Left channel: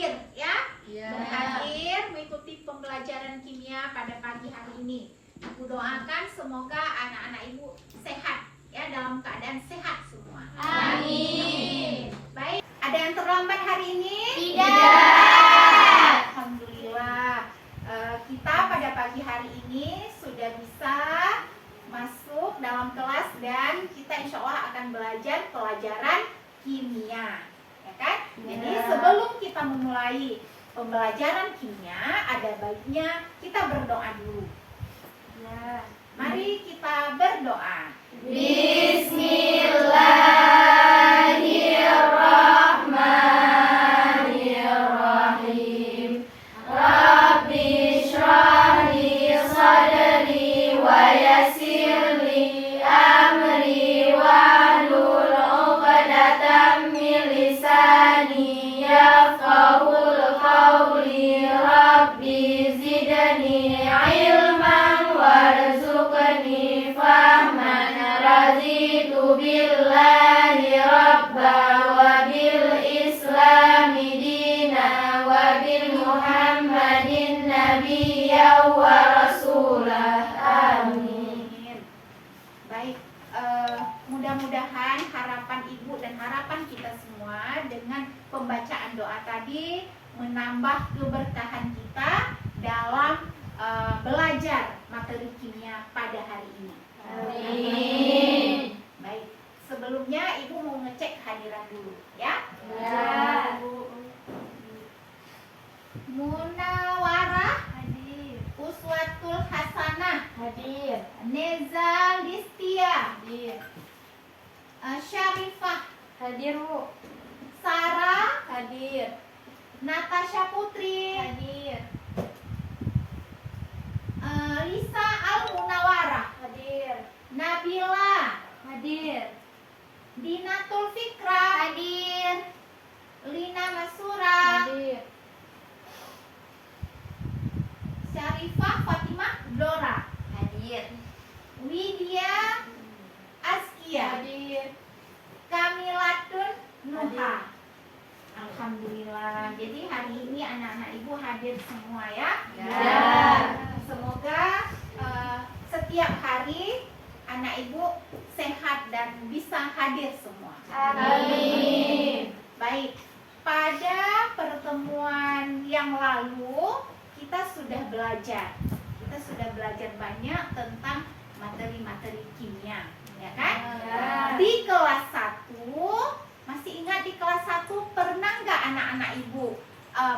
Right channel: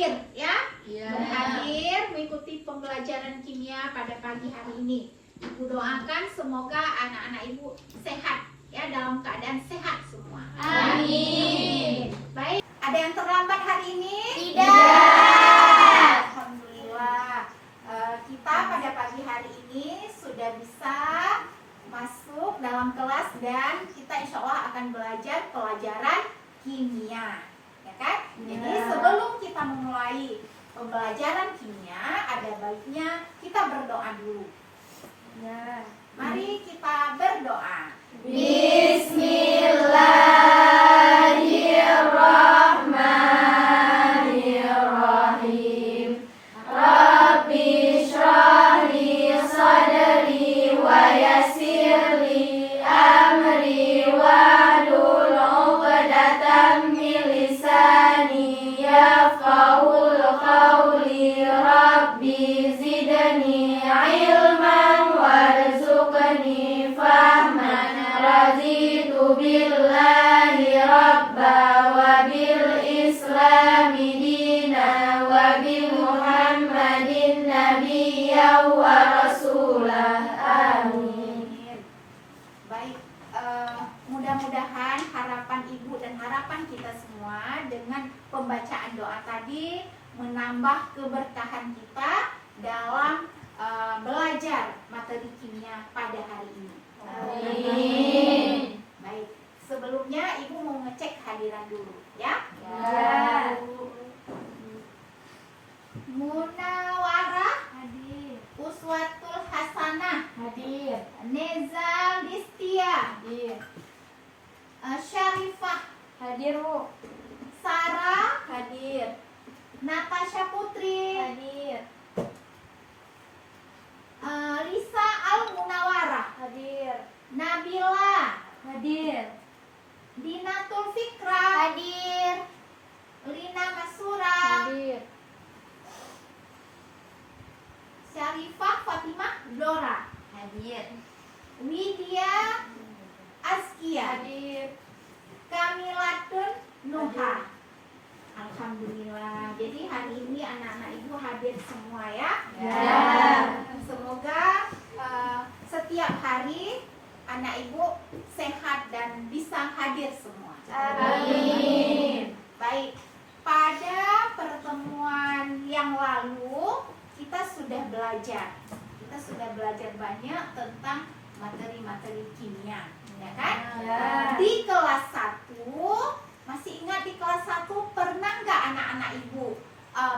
hadir ya, berhadir mengikuti pembelajaran kimia pada pagi hari ini. Ibu doakan semoga anak-anak ibu sehat ya, dalam keadaan sehat semua. Amin. Baik, ada yang terlambat hari ini? Tidak. Alhamdulillah. Kita pada pagi hari ini sudah bisa masuk dalam kelas dan kita insya Allah akan belajar pelajaran kimia, ya kan? Jadi sebelum kita memulai pembelajaran kimia, ada baiknya kita berdoa dulu. Ya, mari kita berdoa. Bismillahirrahmanirrahim. Rabbi shrah li sadri wa yassir li amri wahlul 'uqdatam min lisani yafqahul qawli. Rabbi zidni ilman warzuqni fahman. Raditu billahi rabba wa bil islami dina wa bi muhammadin nabiyya wa rasulah. Amin. Baik, mudah-mudahan harapan ibu dan harapan kita semua dengan pembacaan doa tadi menambah keberkahan kita dalam belajar materi kimia pada hari ini. Amin. Baik, sebelumnya ibu mau ngecek kehadiran dulu ya. Ya. Munawarah Hadir. Uswatul Hasanah Hadir. Neza Listia Hadir. Syarifah Hadir, Bu. Sarah Hadir. Natasha Putri Hadir. Lisa Al Munawarah Hadir. Nabila Hadir. Dinatul Fikra Hadir. Lina Masura Hadir. Syarifah Fatimah Dora Hadir. Widya Askia Hadir. Kamilatun Nuha. Alhamdulillah. Jadi hari ini anak-anak ibu hadir semua ya. Ya. Semoga setiap hari anak ibu sehat dan bisa hadir semua. Amin. Baik, pada pertemuan yang lalu kita sudah belajar. Kita sudah belajar banyak tentang materi-materi kimia, ya kan? Ya. Di kelas 1, masih ingat di kelas 1 pernah nggak anak-anak ibu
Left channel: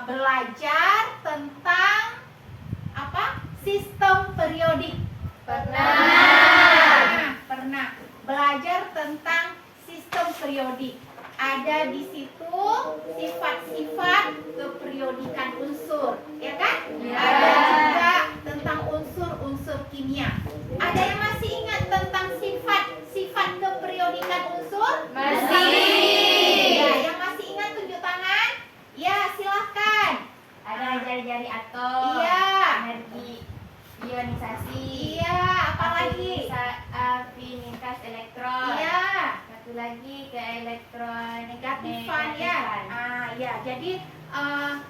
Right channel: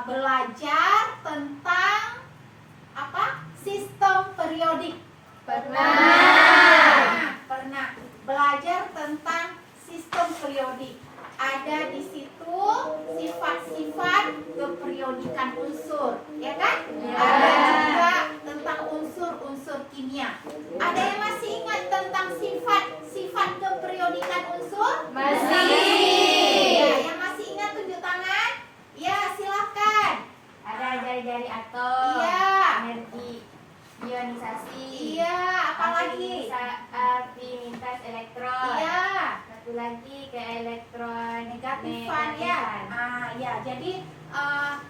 belajar tentang apa? Sistem periodik. Pernah. Pernah belajar tentang sistem periodik. Ada di situ sifat-sifat keperiodikan unsur, ya kan? Ya. Ada juga tentang unsur-unsur kimia. Ada yang masih ingat tentang sifat-sifat keperiodikan unsur? Masih. Ya, yang masih ingat tunjuk tangan? Ya, silakan. Ada jari-jari atom. Iya. Energi ionisasi. Iya, apalagi? Afinitas elektron. Iya. Satu lagi ke elektron Negatifan ya. negatifan. Ya, jadi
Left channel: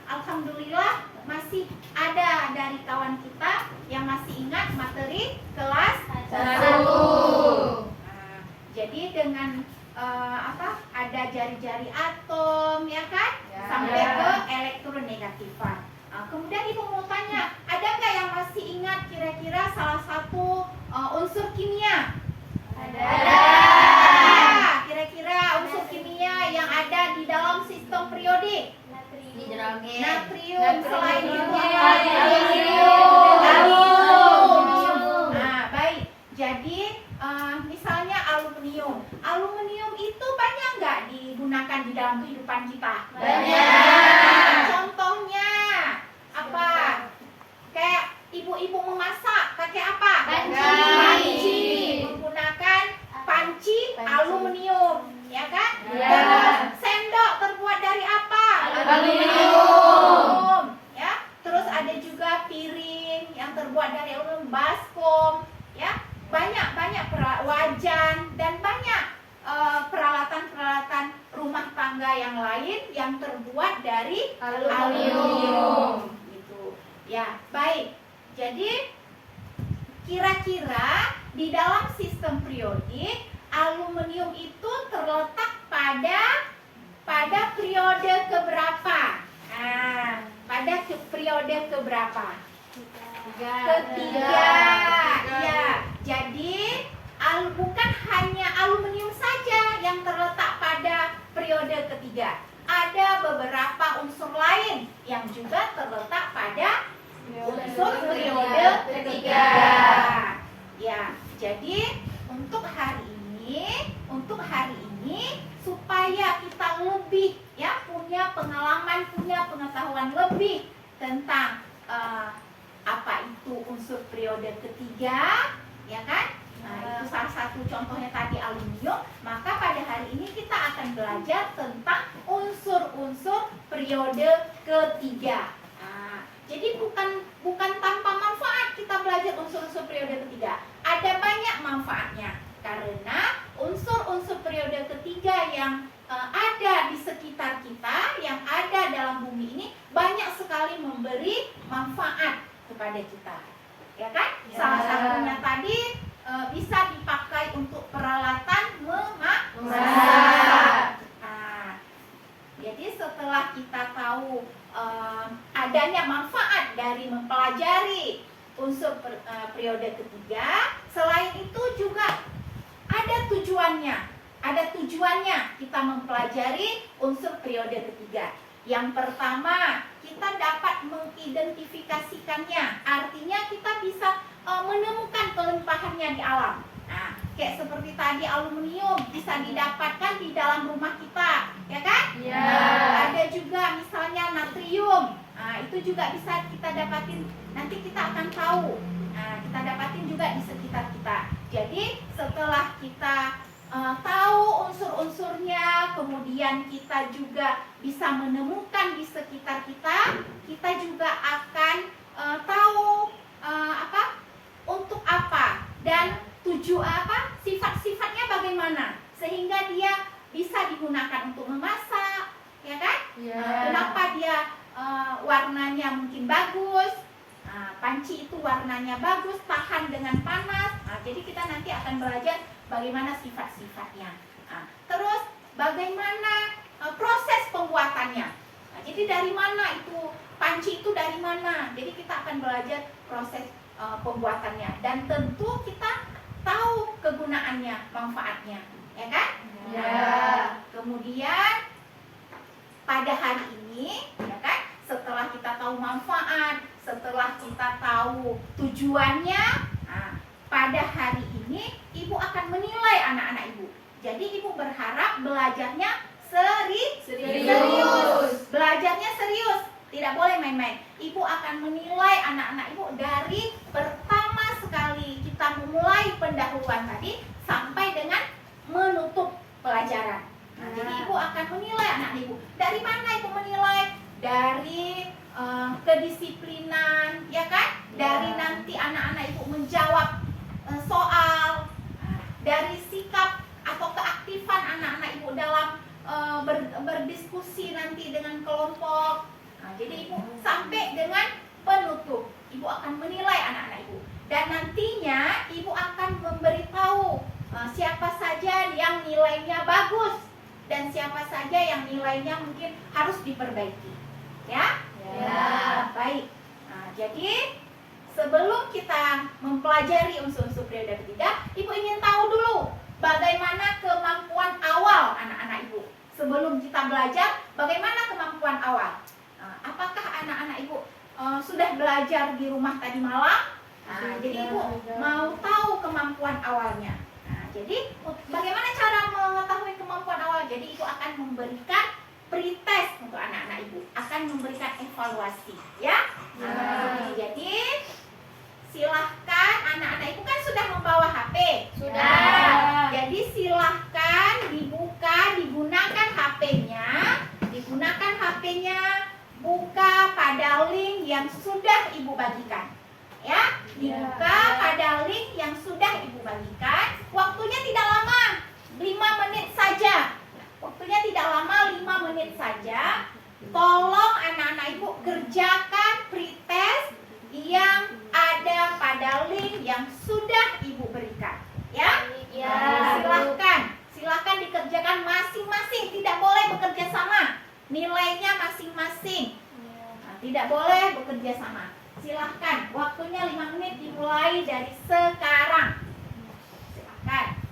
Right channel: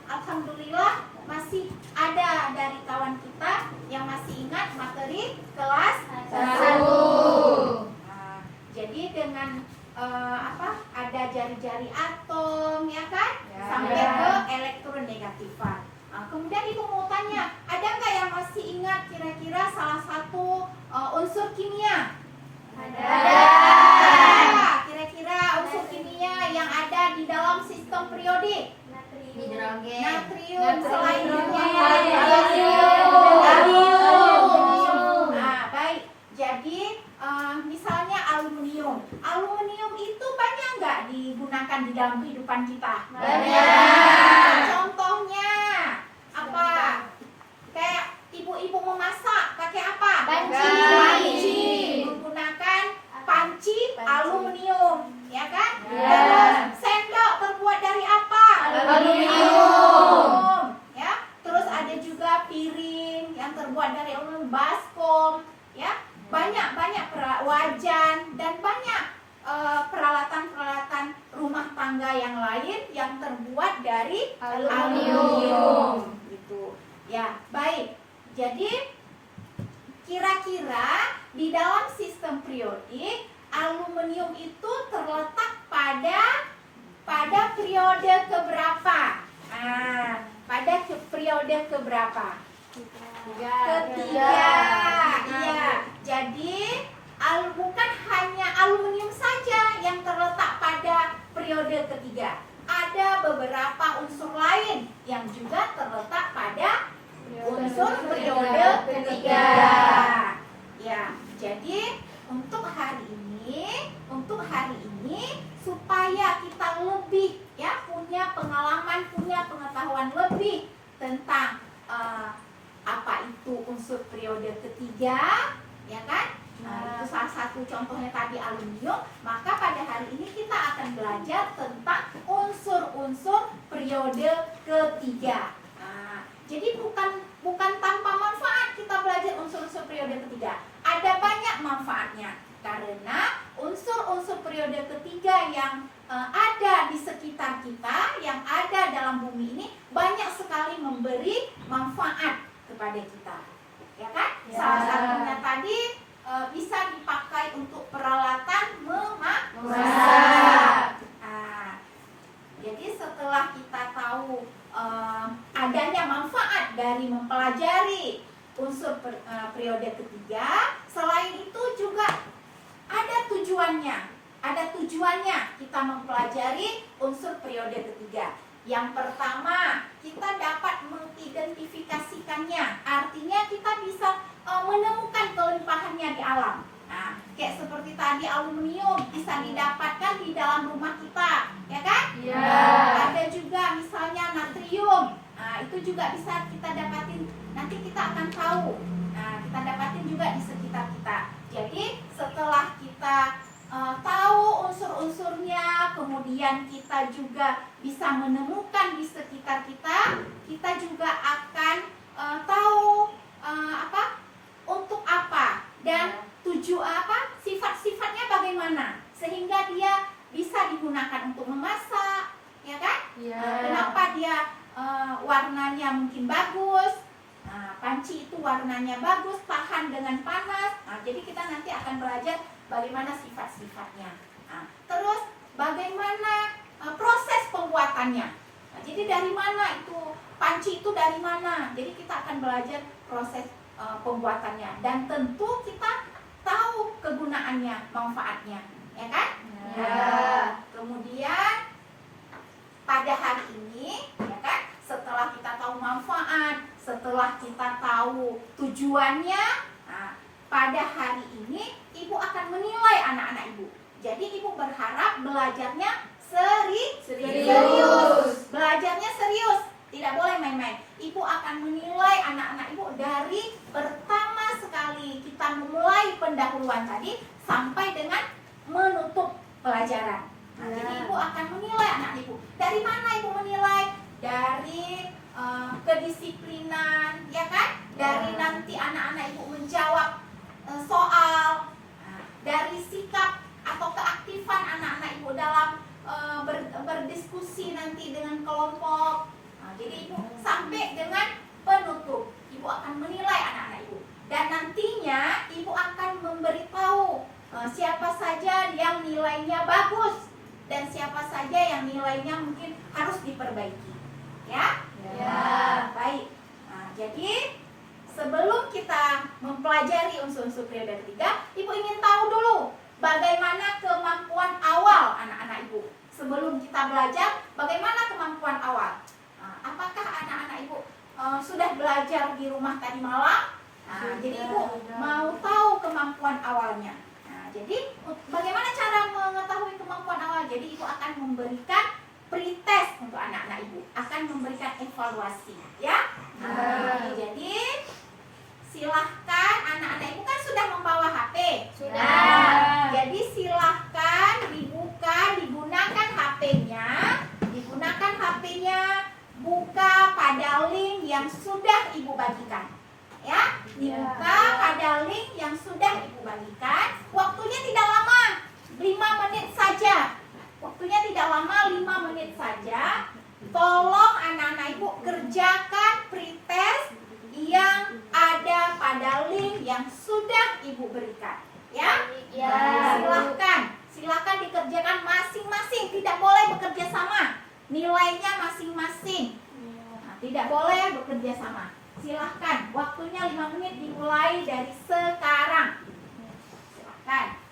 alhamdulillah masih ada dari kawan kita yang masih ingat materi kelas 1. Jadi dengan ada jari-jari atom ya kan, Ya. sampai ke elektronegatifan. Kemudian ibu mau tanya, ada nggak yang masih ingat kira-kira salah satu unsur kimia? Ada. Kira-kira unsur kimia yang ada di dalam sistem periodik? Hidrogen. Natrium. Selain itu Aluminium. Nah, baik. Jadi misalnya aluminium. Aluminium itu banyak nggak digunakan di dalam kehidupan kita? Banyak. Contohnya apa? Kayak ibu-ibu memasak pakai apa? Panci. Panci. Menggunakan panci aluminium, ya kan? Ya. Terus sendok terbuat dari apa? Aluminium. Ya. Terus ada juga piring yang terbuat dari aluminium, baskom, ya. Banyak wajan dan banyak peralatan-peralatan rumah rumah tangga yang lain yang terbuat dari Aluminium. Gitu. Ya, baik. Jadi kira-kira di dalam sistem periodik aluminium itu terletak pada periode keberapa? Pada periode keberapa? Ketiga. Ya, jadi bukan hanya aluminium saja yang terletak pada periode ketiga. Ada beberapa unsur lain yang juga terletak pada unsur periode ketiga. Ya, jadi untuk hari ini supaya kita lebih punya pengalaman, punya pengetahuan lebih tentang apa itu unsur periode ketiga, ya kan? Nah, itu salah satu contohnya tadi aluminium. Maka pada hari ini kita akan belajar tentang unsur-unsur periode ketiga. Jadi bukan tanpa manfaat kita belajar unsur-unsur periode ketiga. Ada banyak manfaatnya karena unsur-unsur periode ketiga yang ada di sekitar kita, yang ada dalam bumi ini banyak sekali memberi manfaat kepada kita. Ya kan? Ya. Salah satunya tadi bisa dipakai untuk peralatan memasak. Jadi setelah kita tahu adanya manfaat dari mempelajari unsur periode ketiga, selain itu juga ada tujuannya. Ada tujuannya kita mempelajari unsur periode ketiga. Yang pertama, kita dapat mengidentifikasikannya. Artinya kita bisa menemukan kelimpahannya di alam. Nah, kayak seperti tadi aluminium bisa didapatkan di dalam rumah kita, ya kan? Ya. Ada juga misalnya natrium. Nah, itu juga bisa kita dapatin. Nanti kita akan tahu. Nah, kita dapatin juga di sekitar kita. Jadi setelah kita tahu unsur-unsurnya, kemudian kita juga bisa menemukan di sekitar kita, kita juga akan tahu untuk apa dan sifat-sifatnya bagaimana, sehingga dia bisa digunakan untuk memasak, ya kan? Kenapa dia warnanya mungkin bagus? Panci itu warnanya bagus, tahan dengan panas. Jadi kita nanti akan belajar bagaimana sifat-sifatnya. Terus bagaimana proses pembuatannya. Jadi dari mana itu panci itu dari mana? Jadi kita akan belajar proses pembuatannya dan tentu kita tahu kegunaannya, manfaatnya, ya kan? Kemudian pada hari ini, ya kan? Setelah kita tahu manfaat, setelah kita tahu tujuannya, pada hari ini ibu akan menilai anak-anak ibu. Jadi ibu berharap belajarnya serius. Belajarnya serius, tidak boleh main-main. Ibu akan menilai anak-anak ibu dari pertama sekali kita memulai pendahuluan tadi sampai dengan menutup pelajaran. Jadi ibu akan menilai anak ibu. Dari mana ibu menilai? Dari kedisiplinan, ya kan? Dari nanti anak-anak ibu menjawab soal, dari sikap atau keaktifan anak-anak ibu dalam berdiskusi nanti dengan kelompok. Jadi ibu sampai dengan penutup, ibu akan menilai anak-anak ibu. Dan nantinya ibu akan memberitahu siapa saja yang nilainya bagus dan siapa saja yang nilainya mungkin harus diperbaiki. Ya? Baik. Jadi sebelum kita mempelajari unsur-unsur periode ketiga, ibu ingin tahu dulu bagaimana kemampuan awal anak-anak ibu. Sebelum kita belajar, bagaimana kemampuan awal? Apakah anak-anak ibu sudah belajar di rumah tadi malam? Jadi ibu mau tahu kemampuan awalnya. Jadi bagaimana cara mengetahui kemampuan awal? Jadi ibu akan memberikan pretest untuk anak-anak ibu, akan memberikan evaluasi, ya. Jadi silahkan anak-anak ibu kan sudah membawa HP. Sudah. Jadi silahkan dibuka, digunakan HP-nya, buka pada link yang sudah ibu bagikan. Ya, dibuka pada link yang sudah ibu bagikan. Waktunya tidak lama, 5 menit saja. Waktunya tidak lama, 5 menit saja. Tolong anak-anak ibu kerjakan pretest yang ada pada link yang sudah ibu berikan. Ya? Ya. Silahkan dikerjakan masing-masing. Tidak boleh bekerja sama. Nilainya masing-masing. Nah, tidak boleh bekerja sama. Silahkan. Waktunya 5 menit dimulai dari sekarang. Silahkan.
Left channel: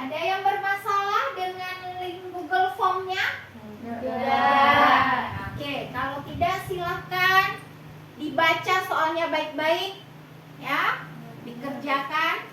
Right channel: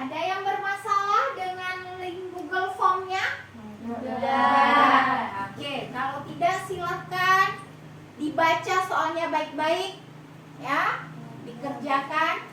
Ada yang bermasalah dengan link Google Form-nya? Tidak. Oke, kalau tidak silakan dibaca soalnya baik-baik, ya, dikerjakan.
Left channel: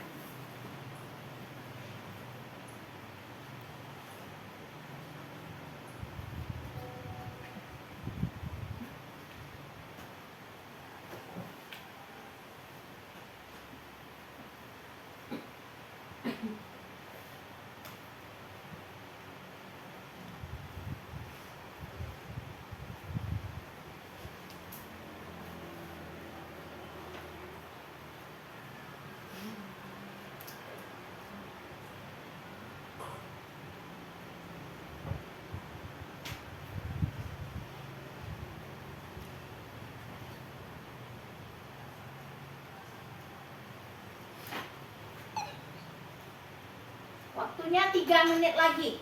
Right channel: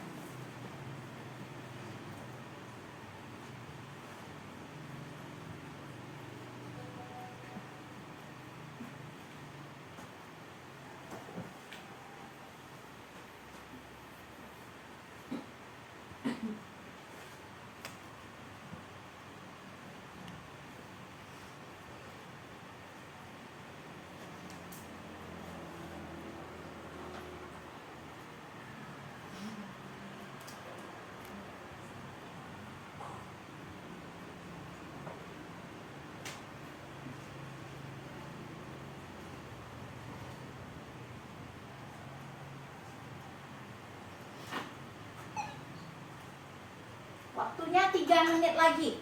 Waktunya 3 menit lagi.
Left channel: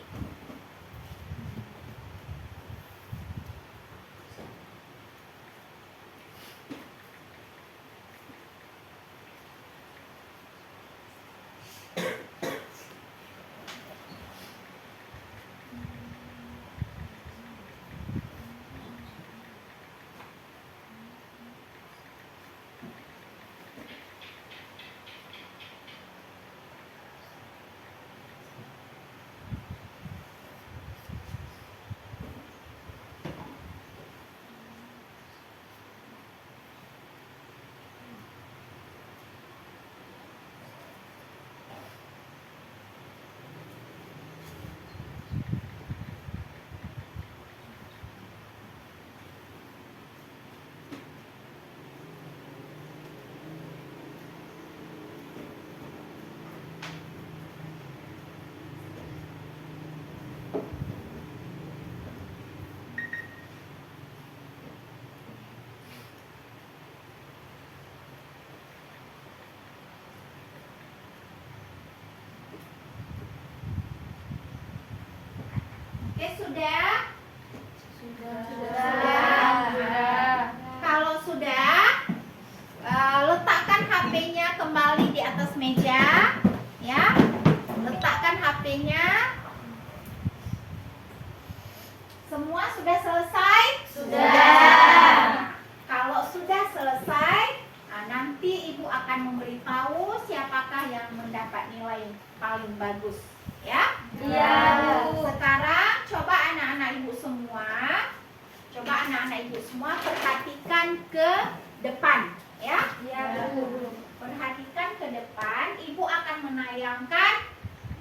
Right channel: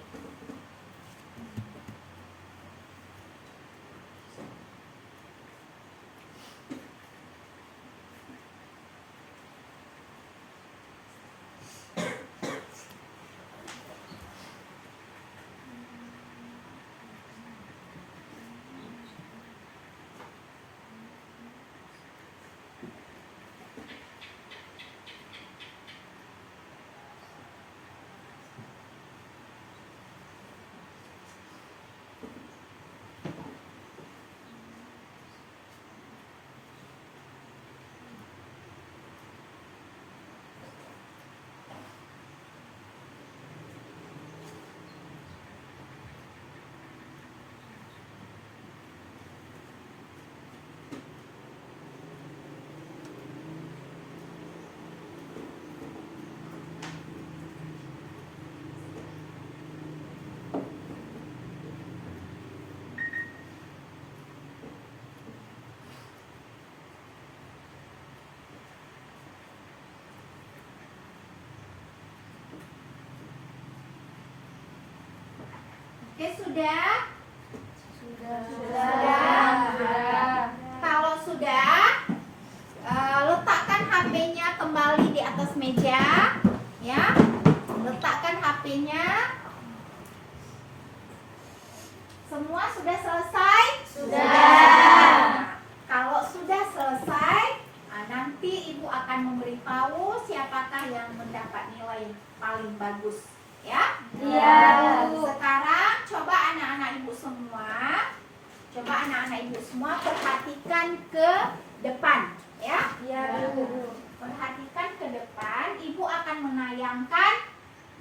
Oke, sudah? Kalau sudah, letakkan HP-nya kembali di atas meja, ya. Letakkan HP-nya. Semua sudah selesai? Sudah. Kalau sudah selesai, nanti ibu akan memberitahu siapakah yang mendapat nilai paling bagus, ya. Iya. Sekarang coba anak-anak ibu semua perhatikan ke depan, ya. Iya, Bu. Perhatikan ke depan. Ibu akan menayangkan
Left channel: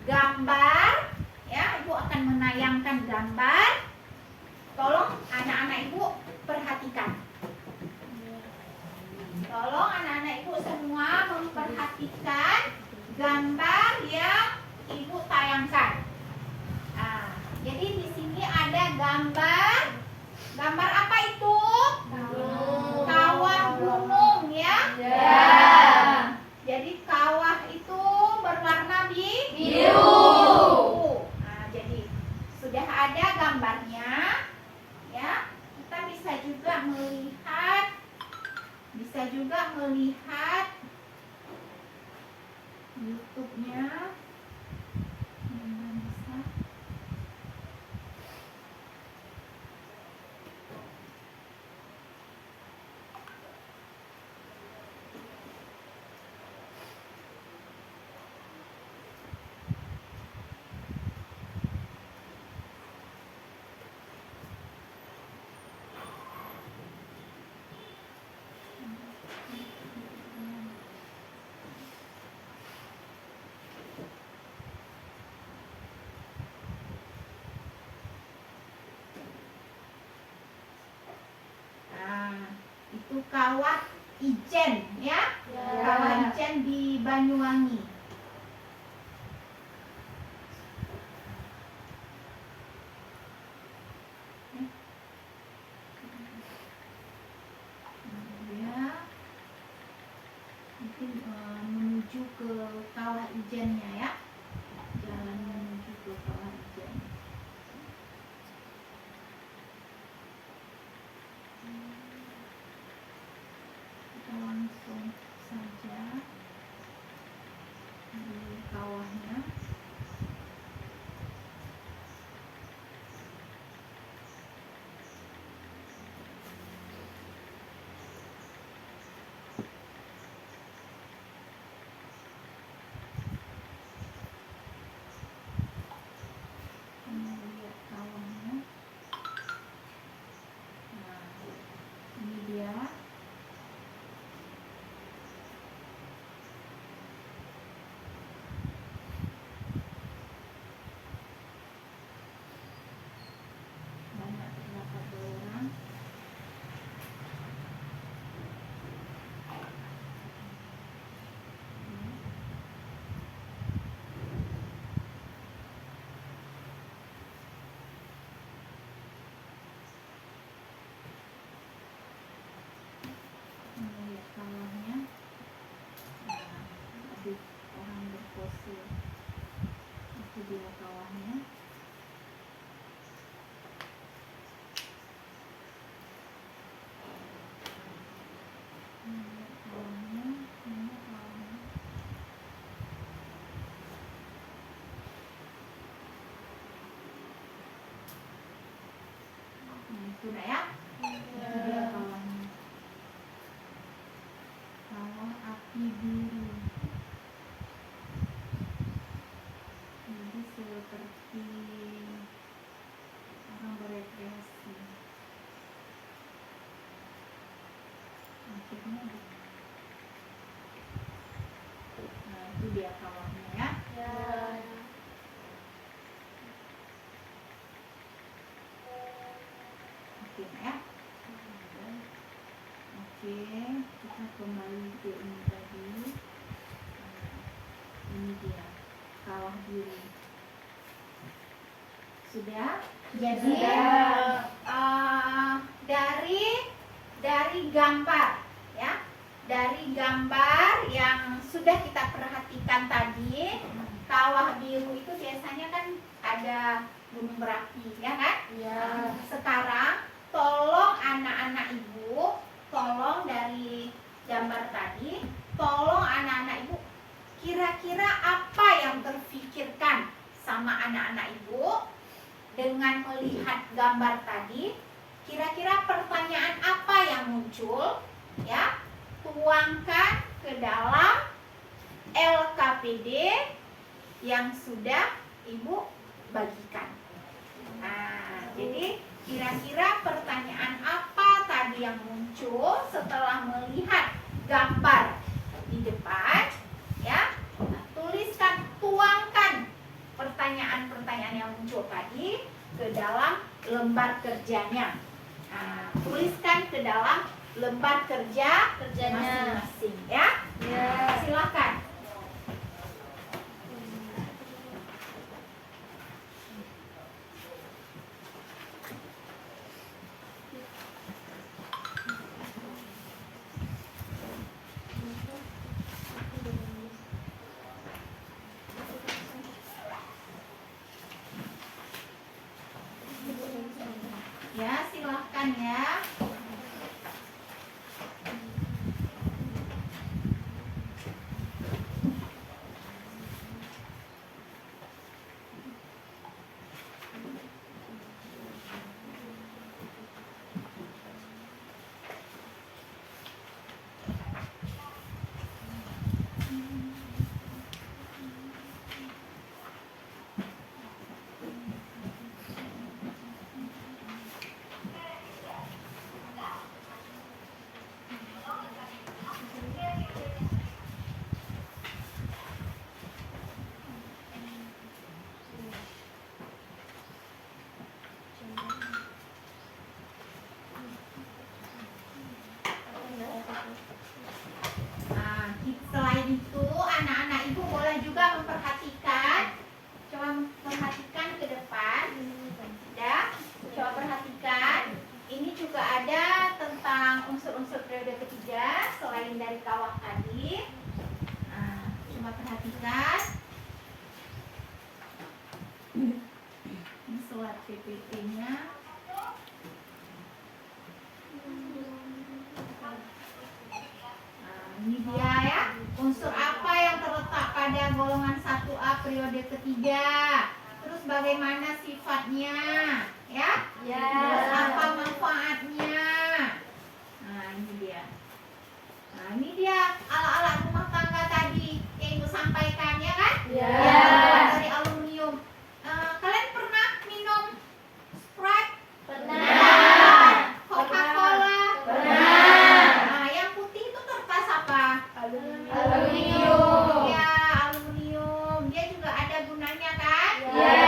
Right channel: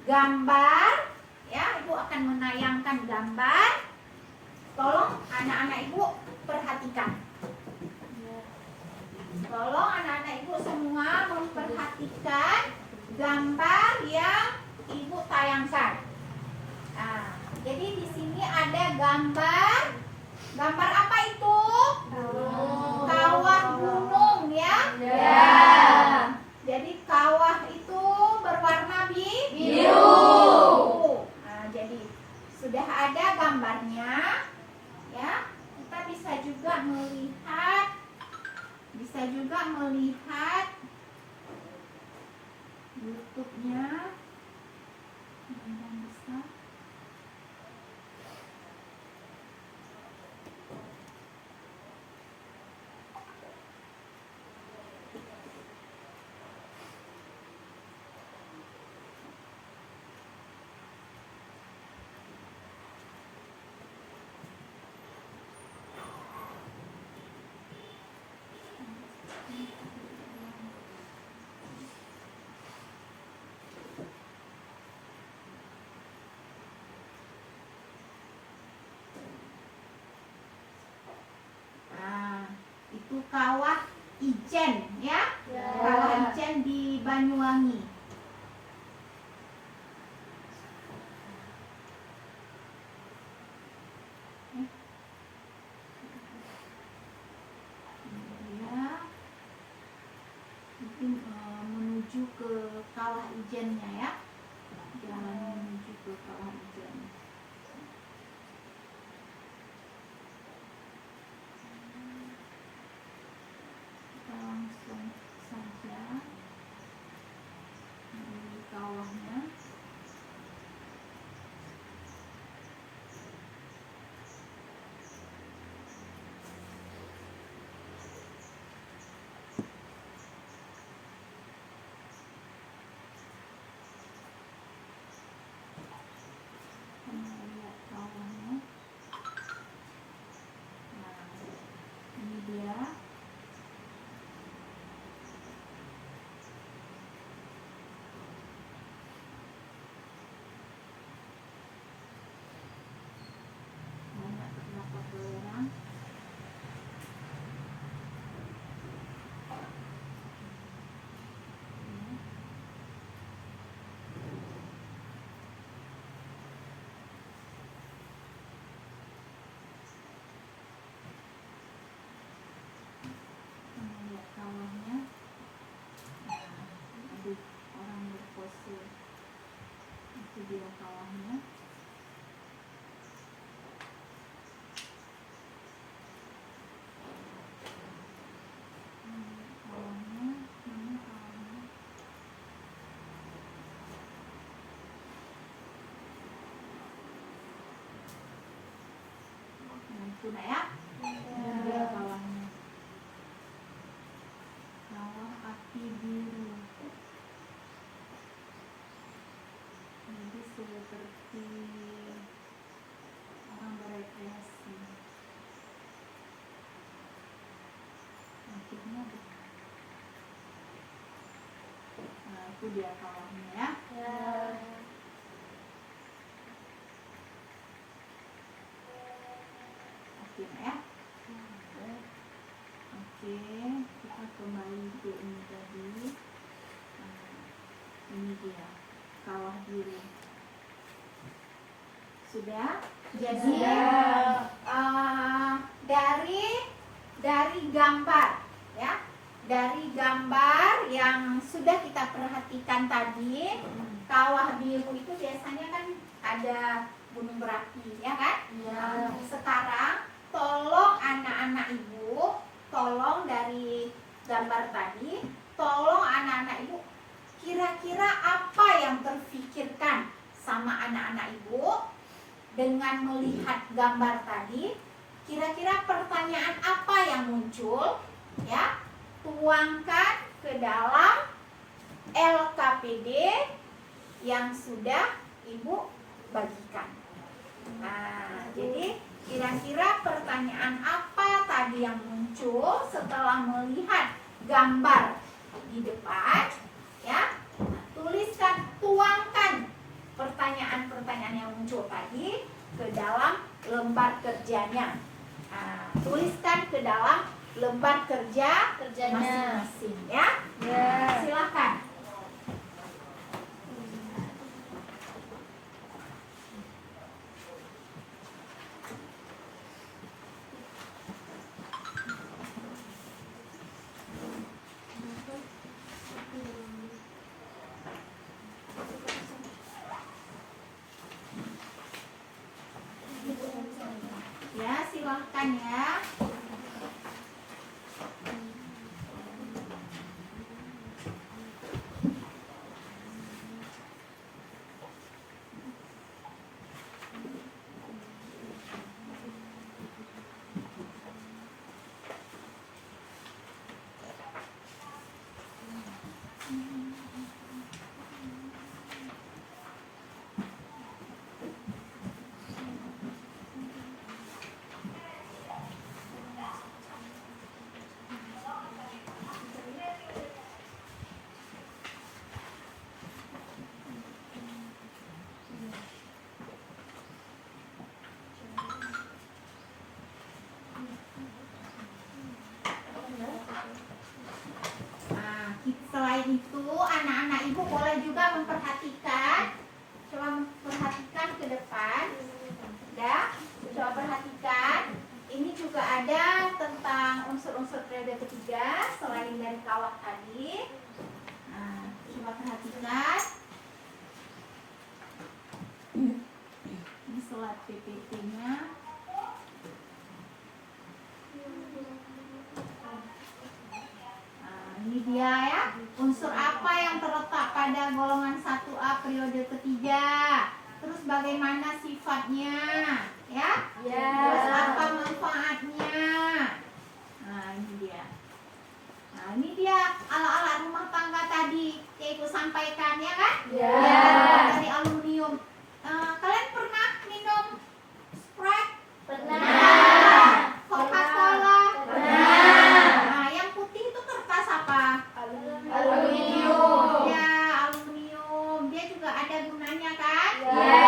gambar, ya. Ibu akan menayangkan gambar. Tolong anak-anak ibu perhatikan. Tolong anak-anak ibu semua memperhatikan gambar yang ibu tayangkan. Nah, jadi di sini ada gambar. Gambar apa itu? Kawah gunung, ya. Ya. Jadi kawah itu berwarna biru. Nah, jadi sudah ada gambarnya, ya. Kita bisa juga melihat YouTube-nya. Mudah-mudahan bisa. Kawah Ijen ya. Ya. Kawah Ijen di Banyuwangi. Ya. Mungkin menuju ke Kawah Ijennya ya. Jalan menuju ke Kawah Ijen. Kita langsung saja di kawahnya. Kita lihat kawahnya. Nah, ini dia. Banyak terdapat orang. Lihat kawahnya. Nah, ada orang berpose. Itu dia kawahnya. Lihat kawahnya. Mana kawahnya? Nah, itu nak ya. Ini dia kawahnya. Kawah api biru. Jadi seperti orang berekreasi. Akhirnya nah, itu dia kawahnya ya. Ya. Oke ya. Oke, kita kembali ke ini tadi. Ini dia kawah biru. Sudah? Jadi Sudah. dari gambar ya, dari gambar yang sudah kita perhatikan tadi, kawah biru itu biasanya kan ada gunung berapi ya kan? Ya. Sekarang tolong anak-anak ibu, tolong dari gambar tadi, tolong anak-anak ibu, kira-kira apa yang terfikirkan sama anak-anak ibu dengan melihat gambar tadi? Kira-kira pertanyaan apa yang muncul? Ya, tuangkan ke dalam LKPD yang sudah ibu bagikan. Nah, jadi kira-kira pertanyaan apa tadi yang muncul setelah melihat gambar di depan? Ya, nah, tuliskan, tuangkan pertanyaan-pertanyaan yang muncul tadi ke dalam lembar kerjanya. Nah, tuliskan ke dalam lembar kerja Kerjanya. masing-masing ya. Ya. Silakan. Ya, silahkan ya. kawah tadi. Nah, coba perhatikan. Ini slide PPT-nya. Nah, ini dia ya. Unsur apa yang terletak pada golongan 1A periode ketiga? Terus bagaimana sifatnya? Ya? Ya. Terus apa manfaatnya? Nah, ini dia. Nah, ini dia alat-alat rumah tangga tadi yang Ibu sampaikan, ya kan? Ya. Dari aluminium. Kalian pernah minum Sprite? Pernah. Coca-Cola? Pernah. Nah, yang putih itu kertas apa? Aluminium. Ya, aluminium. Dia juga ada gunanya kan? Ya.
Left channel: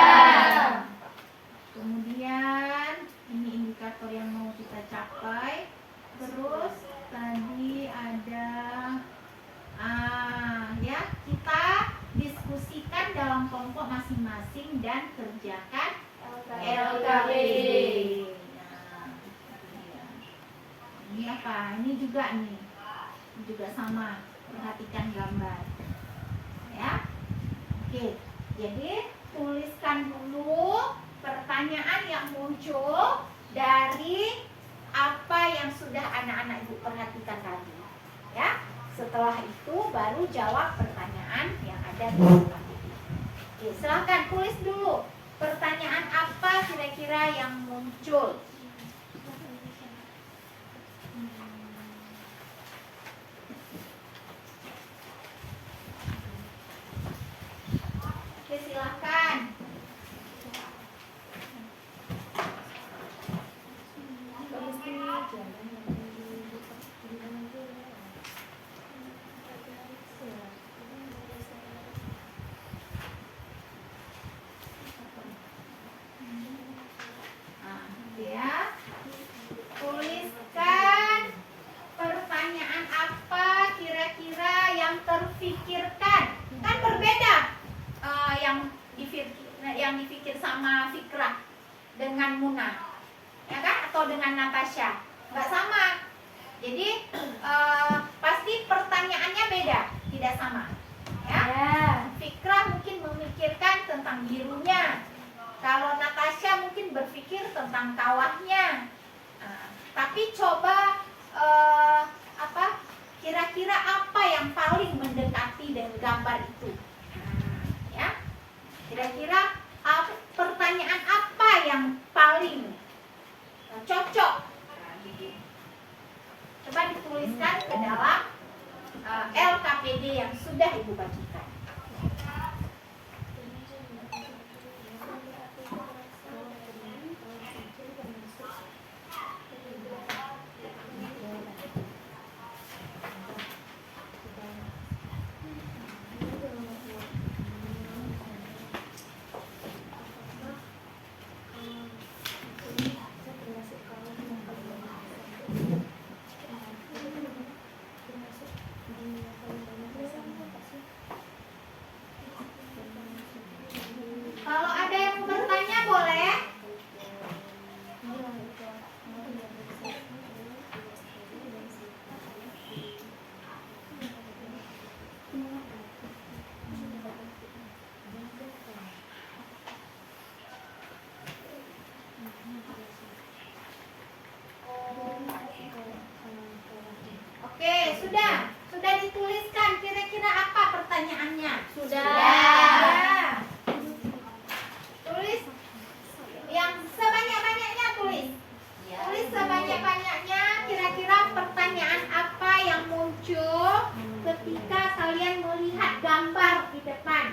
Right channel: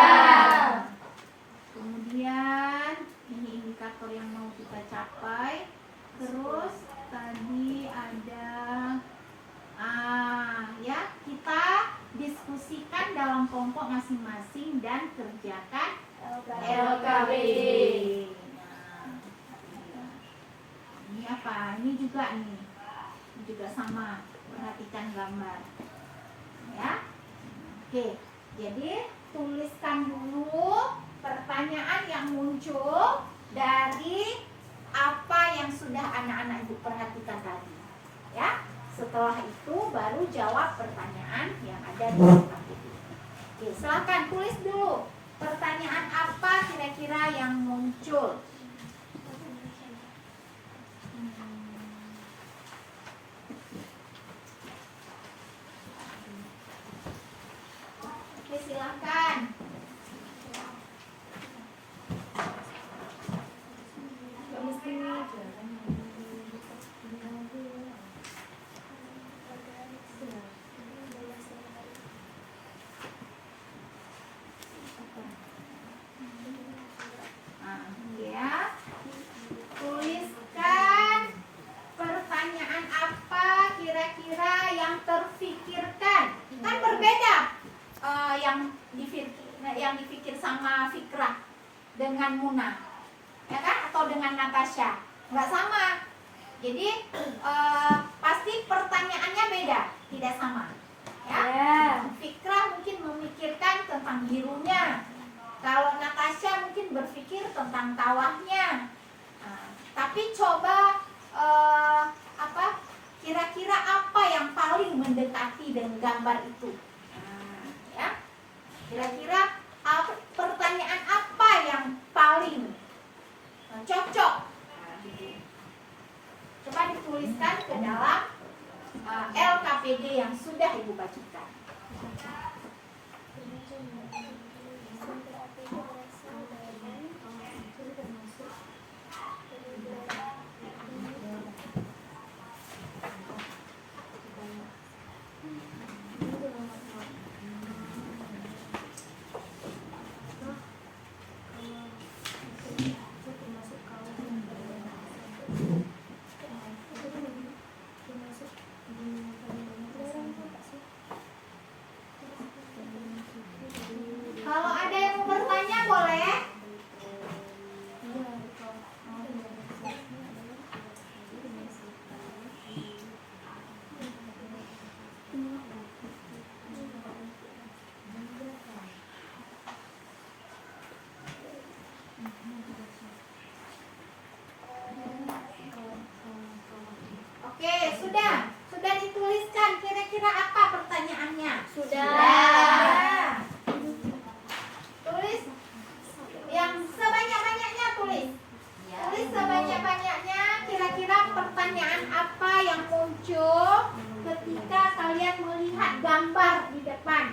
Kemudian ini indikator yang mau kita capai. Terus tadi ada ya, kita diskusikan dalam kelompok masing-masing dan kerjakan LKB. Nah, ini apa? Ini juga nih. Ini juga sama. Perhatikan gambar. Ya. Oke. Jadi tuliskan dulu pertanyaan yang muncul dari apa yang sudah anak-anak Ibu perhatikan tadi. Ya. Setelah itu baru jawab pertanyaan yang ada di buku. Oke, silakan tulis dulu pertanyaan apa kira-kira yang muncul. Oke, silakan. Ya, tuliskan pertanyaan apa kira-kira yang terfikirkan. Kan berbeda yang dipikir sama Fikrah dengan Muna, ya kan? Atau dengan Natasha, nggak sama. Jadi pasti pertanyaannya beda, tidak sama. Ya, Fikrah mungkin memikirkan tentang birunya. Kalau Natasha mungkin berpikir tentang kawahnya. Nah, tapi coba kira-kira apa yang paling mendekati dengan gambar itu? Ya, kira-kira pertanyaan apa yang paling cocok? Nah, gitu. Coba dituliskan ke dalam LKPD yang sudah Ibu bagikan. Kalau ada yang mau bertanya boleh. Oke, sudah dituliskan kira-kira apa pertanyaannya? Sudah. Tulis yang sebanyak-banyaknya tulis. Tulis sebanyak-banyaknya kira-kira pertanyaan apa yang muncul ketika kalian melihat gambar di depan.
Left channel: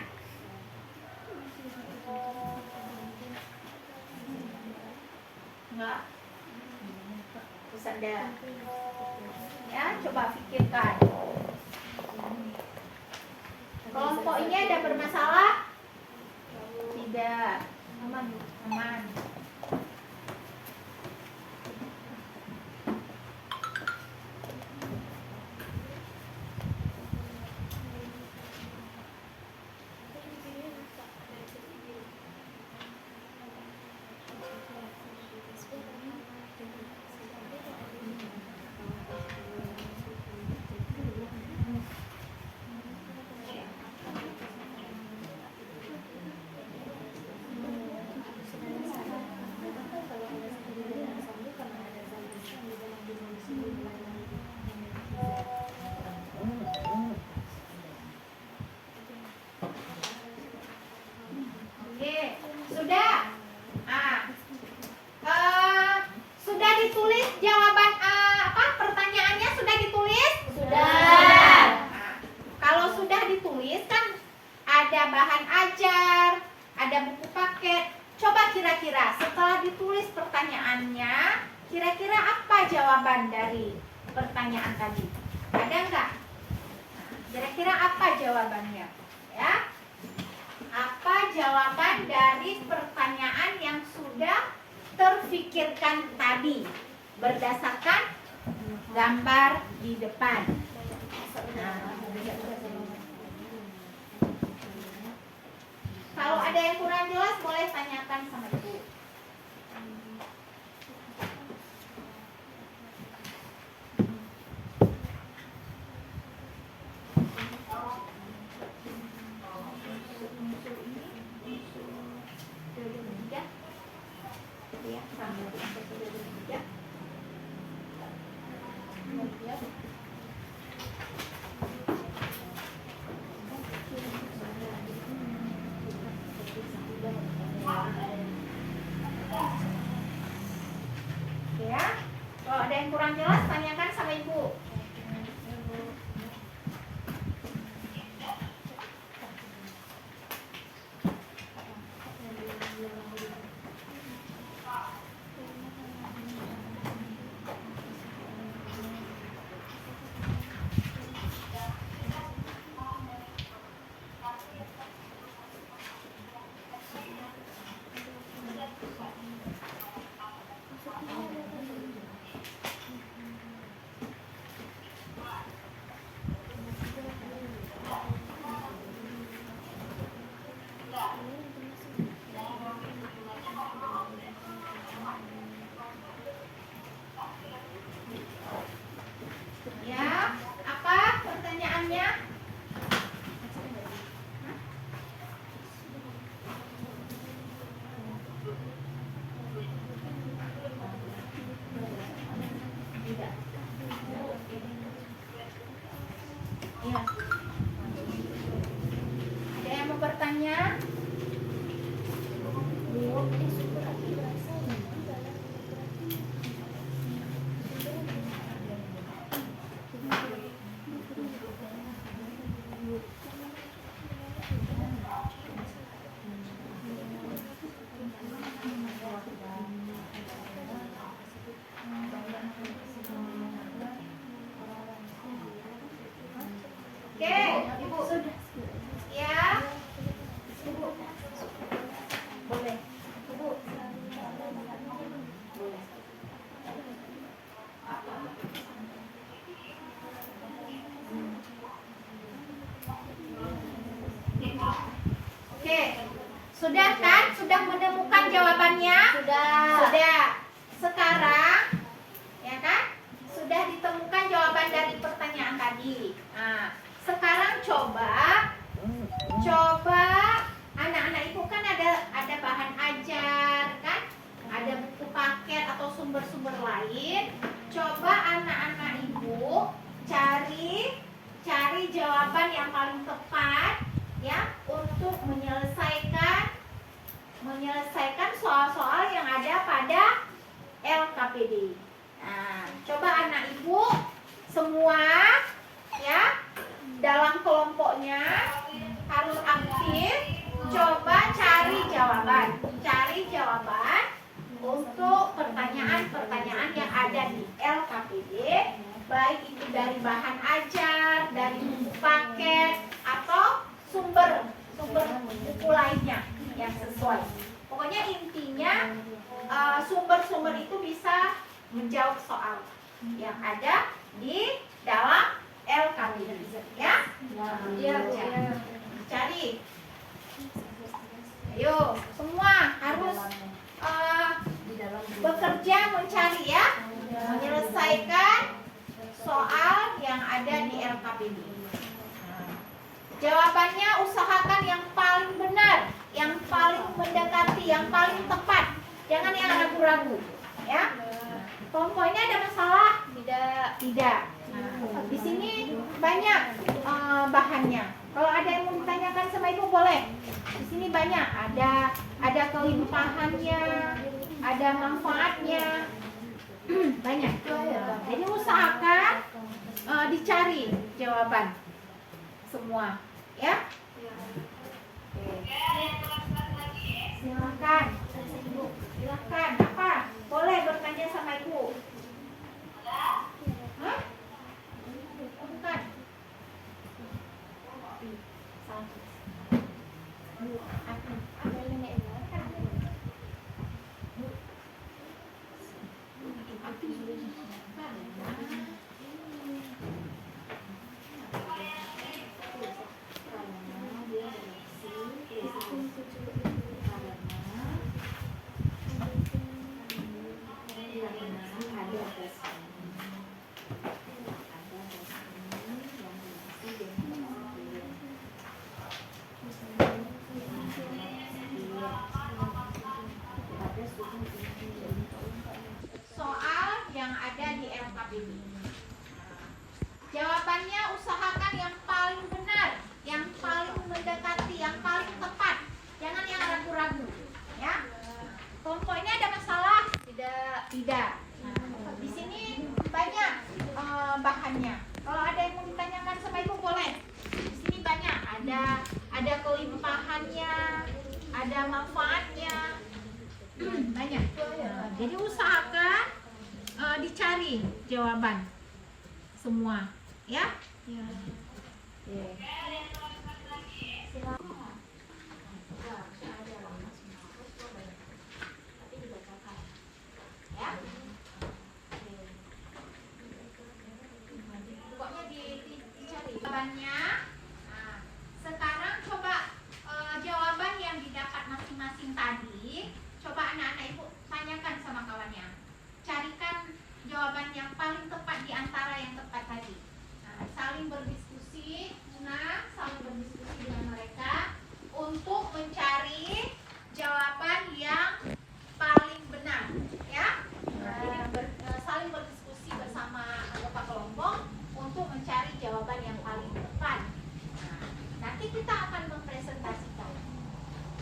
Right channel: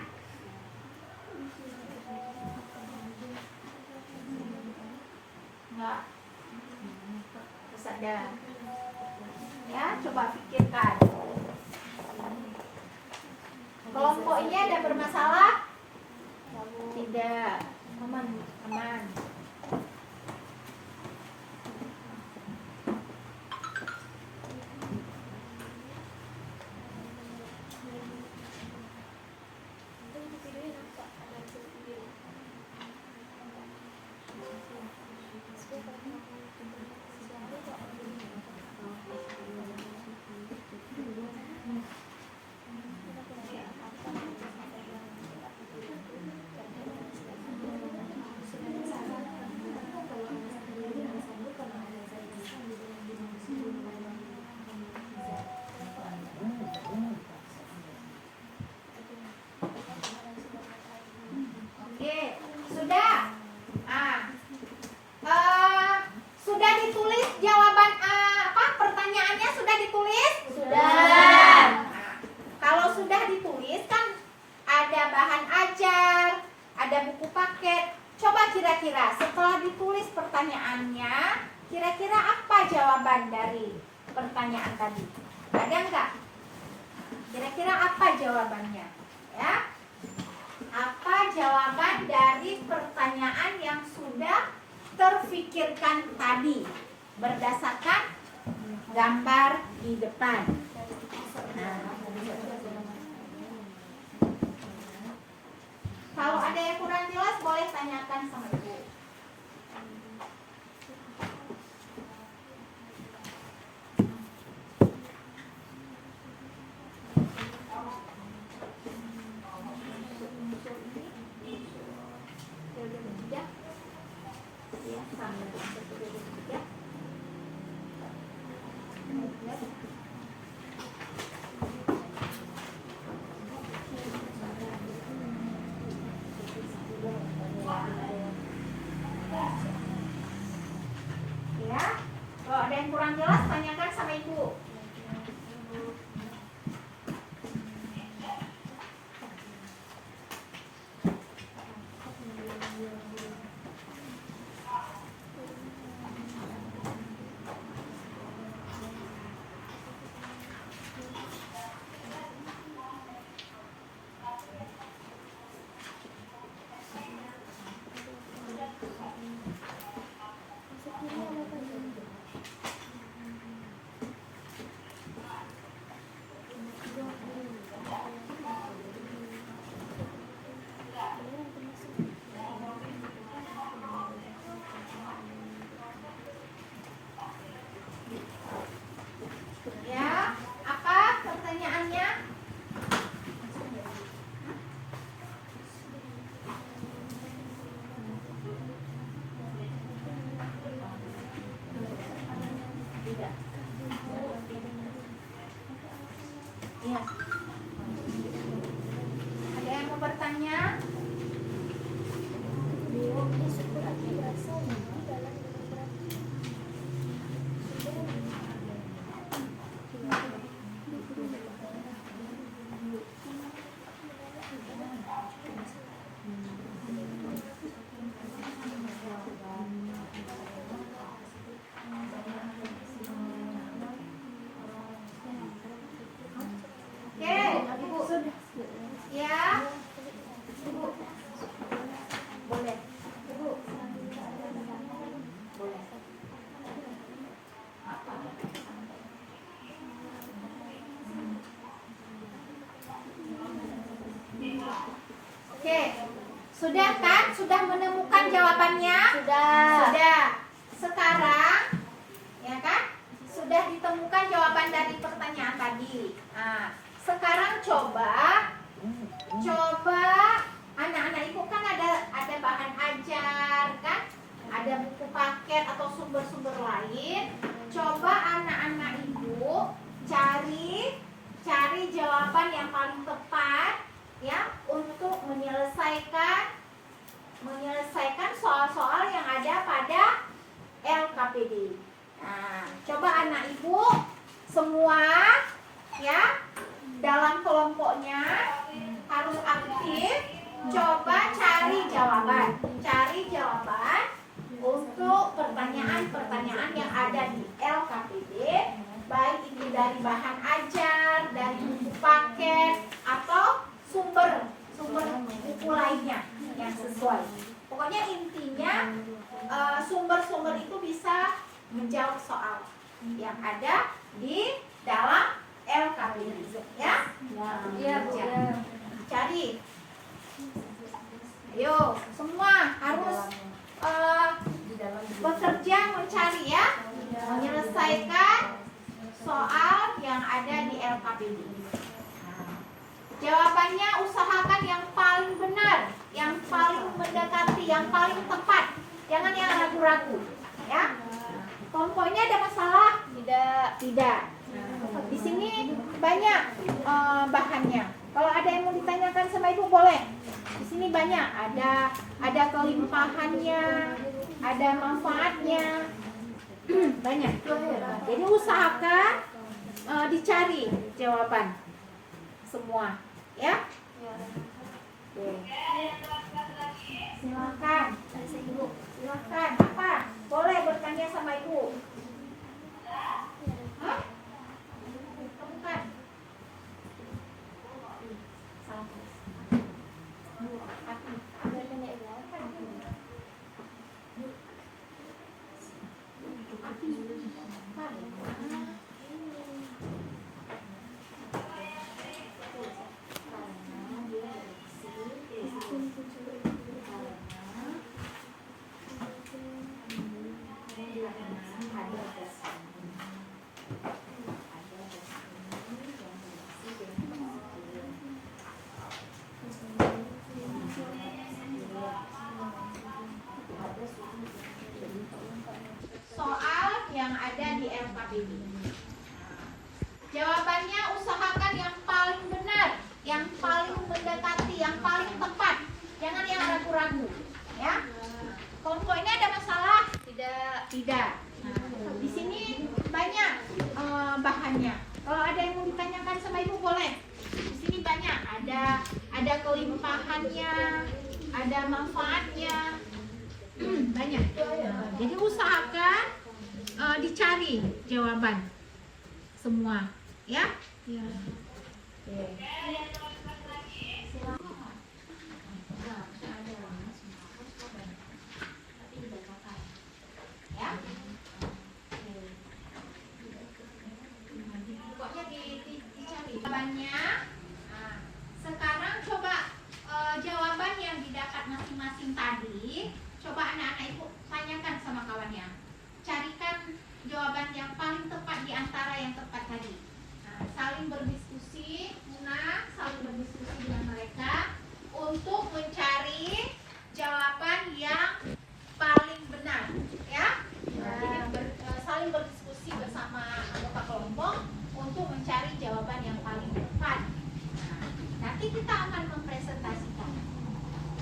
Enggak. Terus ada. Ya, coba pikirkan. Kelompok ini ada bermasalah? Tidak. Aman. ada buku paket. Coba kira-kira setelah ditulis pertanyaannya, kira-kira apa jawaban dari pertanyaan tadi? Ada nggak? Kira-kira apa jawabannya? Ya, apa jawaban dari pertanyaan yang sudah terfikirkan tadi berdasarkan gambar di depan? Kalau ada yang kurang jelas boleh tanyakan sama ibu. Ya, kalau ada yang kurang jelas tanyakan sama ibu. Ya, apa pertanyaannya? Tidak. Iya. Ada yang mau bertanya? Oke, ibu sudah. Ya. Ibu. Boleh. Ibu. Boleh. Oke. Sudah kan? Sudah menemukan jawabannya? Sudah. Sekarang ya kan? Sudah ditemukan jawaban dari pertanyaan tadi. Nah, sekarang coba anak-anak ibu kan ada bahan ajar kan? Ada buku paket atau sumber-sumber lain. Coba anak-anak ibu cari jawaban yang paling tepat ya untuk menyelesaikan soal-soal yang ada pada LKPD. Nah, coba anak ibu semua ya dalam kelompoknya harus aktif. Coba cari jawaban untuk pertanyaan-pertanyaan yang ada di LKPD, baik itu dari bahan ajar, dari buku paket atau sumber buku lainnya yang sesuai. Pokoknya intinya sumber-sumber itu bisa menjawab soal yang ada di dalam LKPD ya. Iya, Bu. Cari. Ayo, semua harus bekerja mencari ya, menyelesaikan soal yang ada di LKPD. Jawabannya usahakan yang paling benar, yang paling mendekati, yang paling tepat. Jangan yang ragu-ragu, ya. Kelompok ini ada masalah? Tidak. Nah, di sini banyak bahannya. Kalau ada yang mau ditanyakan sama ibu boleh. Di sini banyak. Ada kelimpahannya, ada manfaatnya, banyak. Jadi usahakan dicari jawaban semua, ya. Oke. Silakan. Silakan. Apa? Boleh bertanya sama ibu. Hah? Bukan. Salah. Aku. Soal yang ada di LKPD. Jawabannya usahakan yang paling benar, yang paling mendekati, yang paling tepat. Jangan yang ragu-ragu, ya. Kelompok ini ada masalah? Tidak. Nah, di sini banyak bahannya. Kalau ada yang mau ditanyakan sama ibu boleh. Di sini banyak. Ada kelimpahannya, ada manfaatnya. Banyak. Nah, jadi usahakan dicari jawaban semua, ya. Ya. Pokoknya dicari jawabannya. Nah, sekarang coba jawaban yang didapat masing-masing tadi. Coba anak-anak ibu tanyakan sama kawannya. Carikan jawaban yang paling tepat di antara yang tepat tadi. Nah, saling berdiskusi, saling berdiskusi dengan mereka untuk mencari jawaban yang paling benar, ya. Nah, jadi saling berdiskusi bersama anggota kelompok untuk mencari jawaban yang paling tepat. Nah, nanti kita akan mempresentasikan,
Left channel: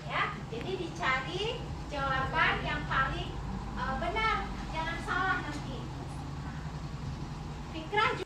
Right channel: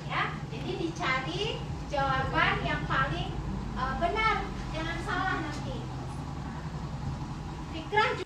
ya. Jadi dicari jawaban yang paling benar, jangan salah nanti. Fikrah.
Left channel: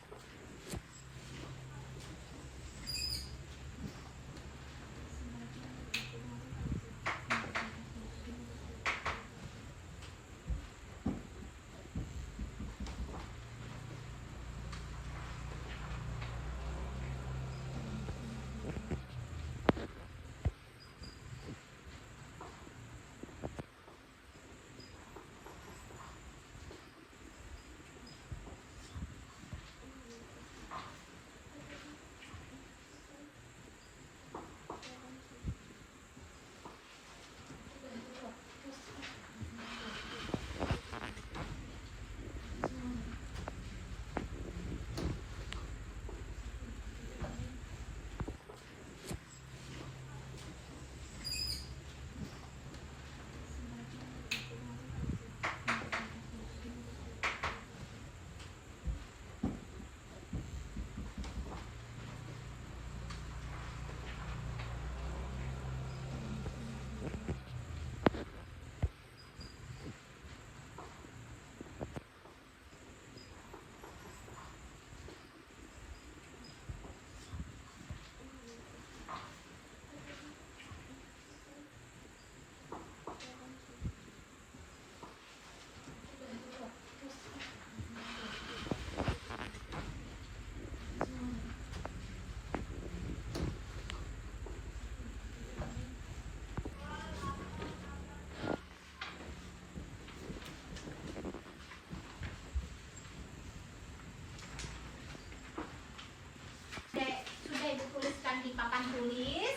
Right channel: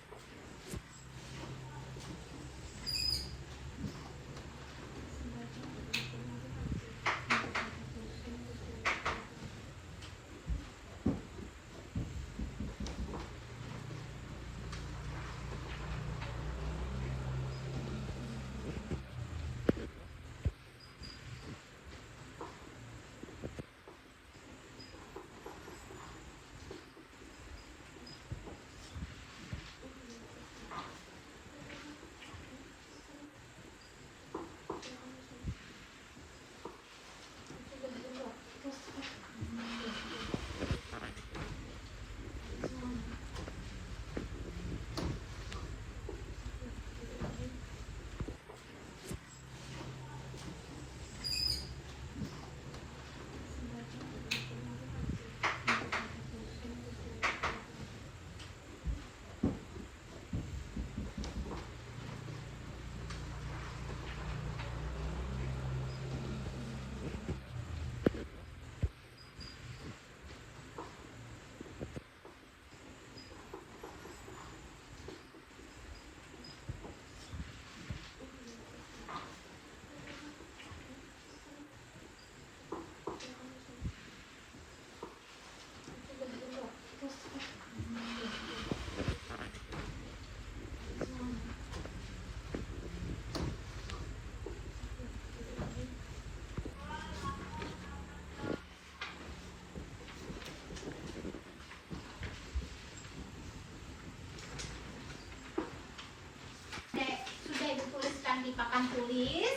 Sudah dituliskan di papan tulis,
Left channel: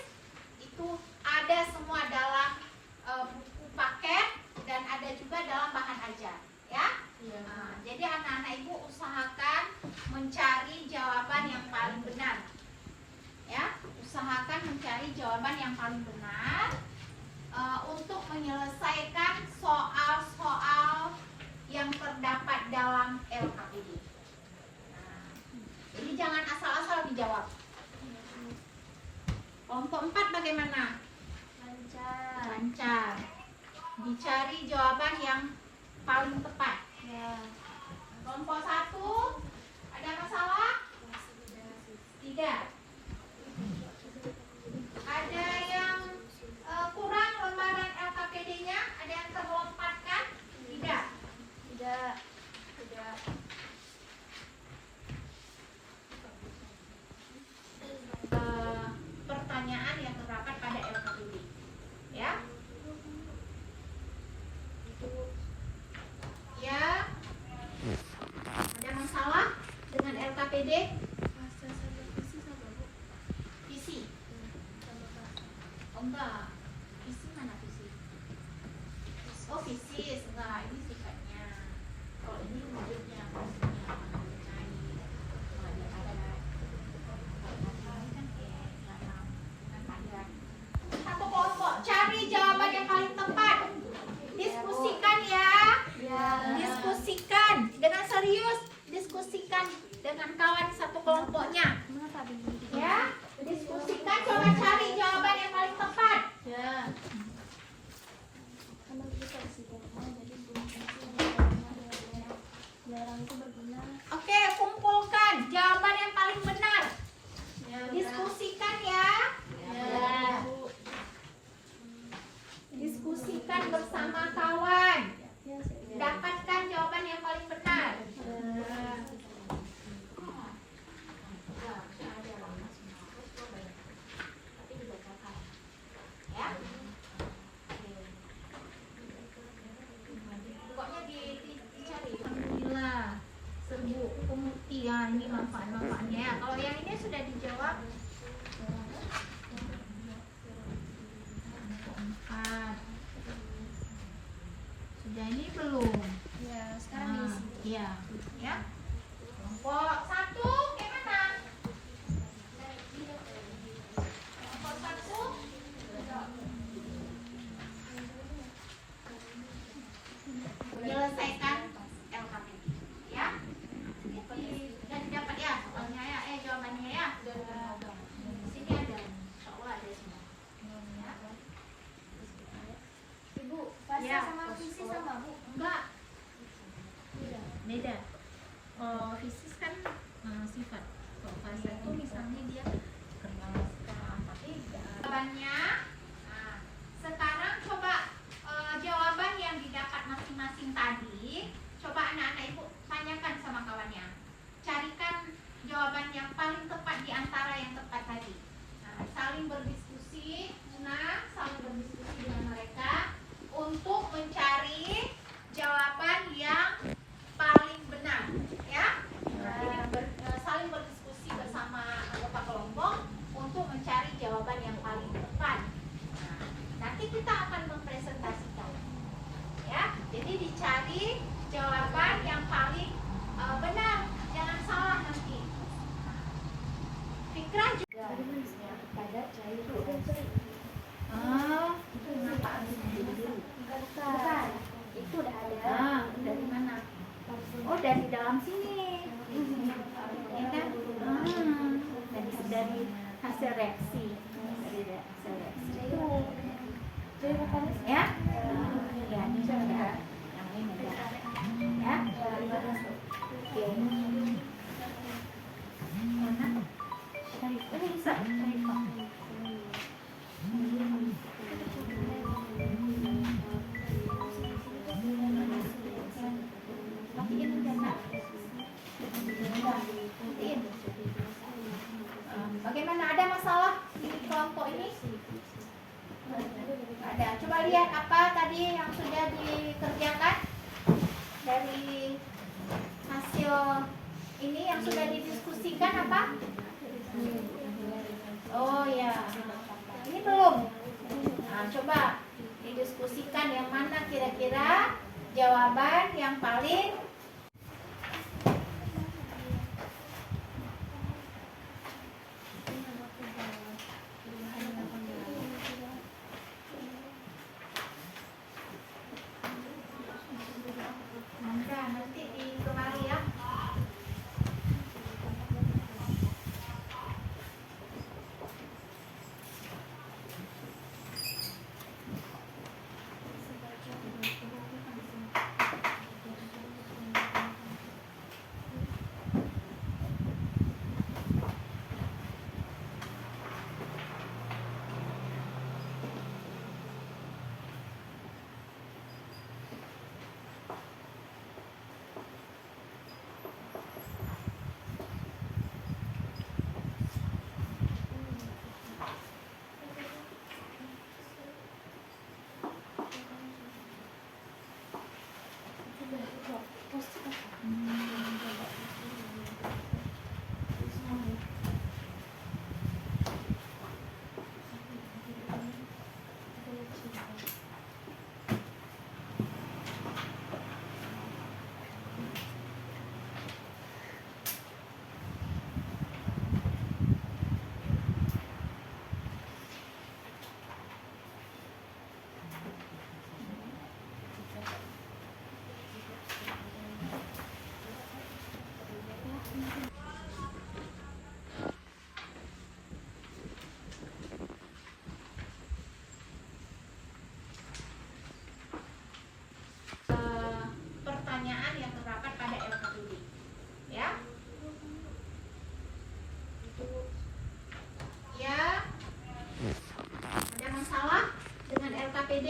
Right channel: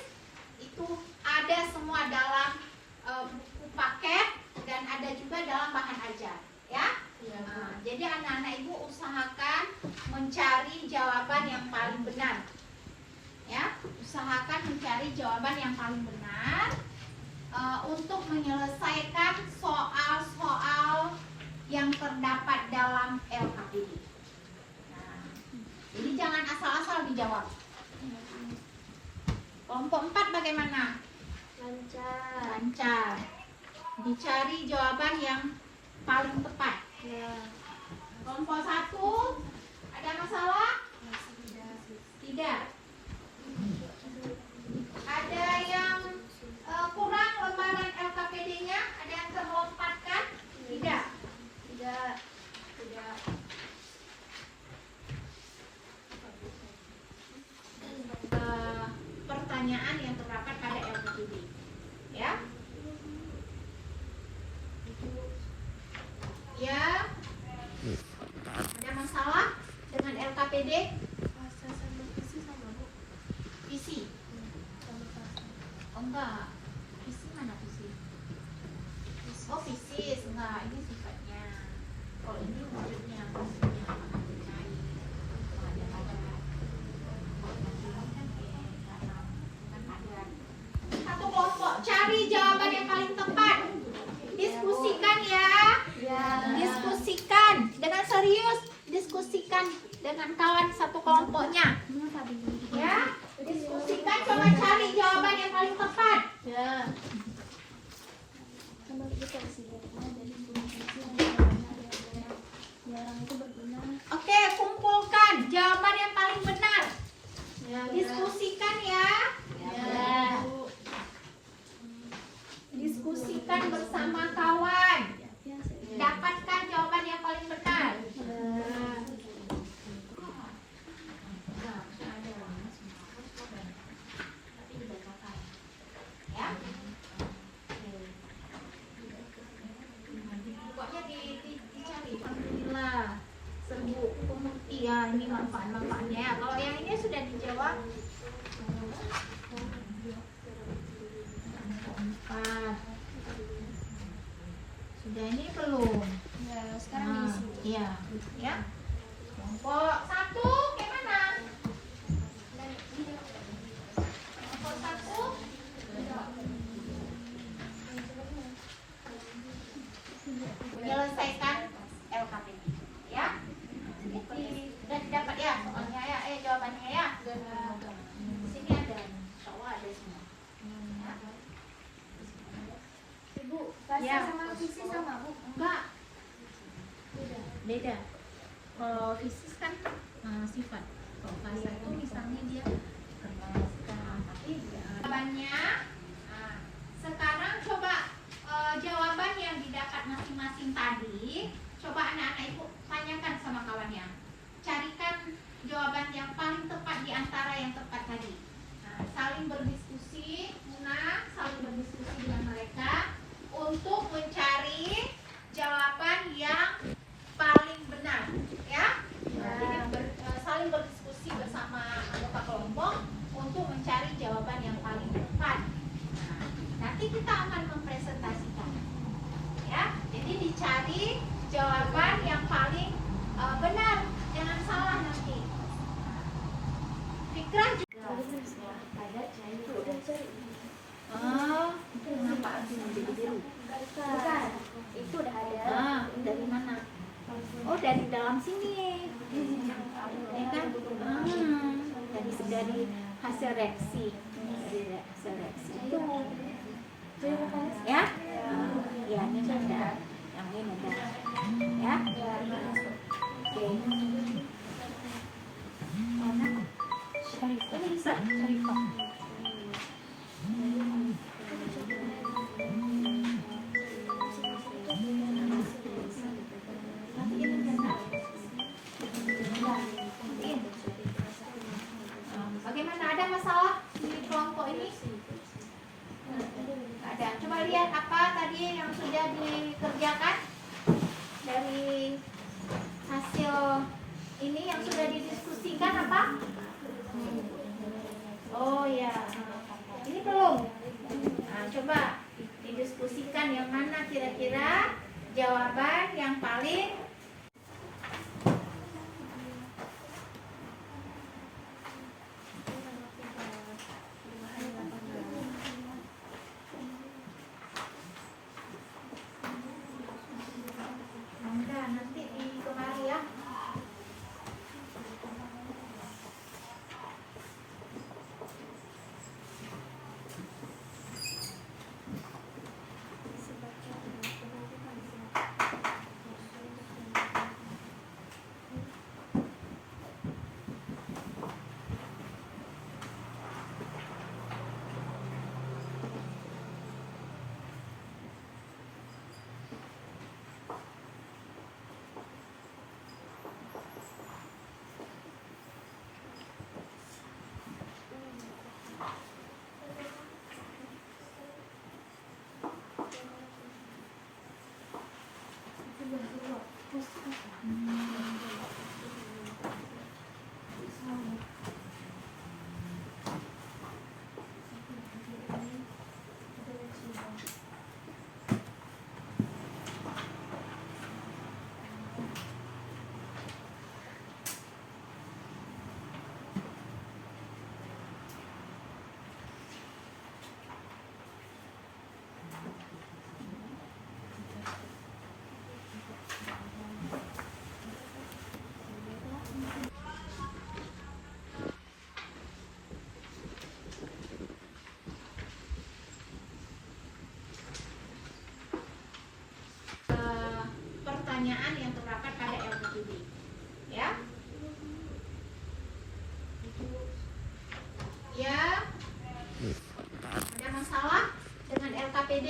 itu ada semua dalam buku paket dan ada juga dalam bahan ajar, ya. Nah, jadi anak-anak ibu usahakan mencari jawaban yang paling benar, ya. Usahakan mencari jawaban yang paling benar untuk menyelesaikan soal-soal yang terdapat dalam LKPD. Jadi jangan asal-asal dijawab. Kelompok 4 bagaimana? Lancar. Dicari jawaban yang paling tepat. Ya. Kelompok 1 ada masalah? Tidak. Ada yang kurang lembaran LKPD? dengan kawan satu kelompoknya. Ya, diskusikan, coba cari jawaban yang paling tepat. Oke, kumpulkan jawaban yang paling benar. Diskusikan ya. Diskusikan bersama kawan. Dapatkan jawaban yang paling benar. Ya. Pokoknya dicari. Alhamdulillah. Serbu pemutih ya, ini manfaat-manfaatnya ya. Kalau yang ini sudah dijawab. Empat. Sudah ini belum? Ya, sekarang diisi. Iya, ya. Kelompok satu gimana? Kelompok satu. Menyelesaikan LKPD, ya. Sudah dapat ya soalnya ya, jawabannya ya. Sini ada, insyaallah ada sini. Ya. Ibu, bahasa Ya. sama visi sama, Bu? Enggak. Beda. Kalau fisis kan sifat. Kalau bahasa itu misalnya dia jawabannya. Nah, sekarang coba jawaban yang didapat masing-masing tadi. Coba anak-anak ibu tanyakan sama kawannya. Carikan jawaban yang paling tepat di antara yang tepat tadi. Nah, saling berdiskusi, saling berdiskusi dengan mereka untuk mencari jawaban yang paling benar, ya. Jadi saling berdiskusi bersama anggota kelompok untuk mencari jawaban yang paling tepat. Nah, nanti kita akan mempresentasikan, ya. Jadi dicari jawaban yang paling benar, jangan salah nanti. Fikrah juga. Kenapa harus menjadi biru? Bukan. Itu udah ada. Dari mana? Oh, dari dalam sini. Ya kan? Dari hasil reaksi. Dari hasil reaksi itu. Ya? Ya, ini ada. Yang ini ada. Ya? Oke. Mana? Ini bisa. Bagaimana, ada masalah di kelompok ini? Ada. Coba lihat apa tadi yang sudah dikerjakan dari hasil ini yang sudah didiskusikan apa? Oh ya, ini belum. Nah, coba didiskusikan yang mana kira-kira jawaban yang paling nanti dikenali ya. LKPD. Ya. Ya. Ada masalah dengan LKPD?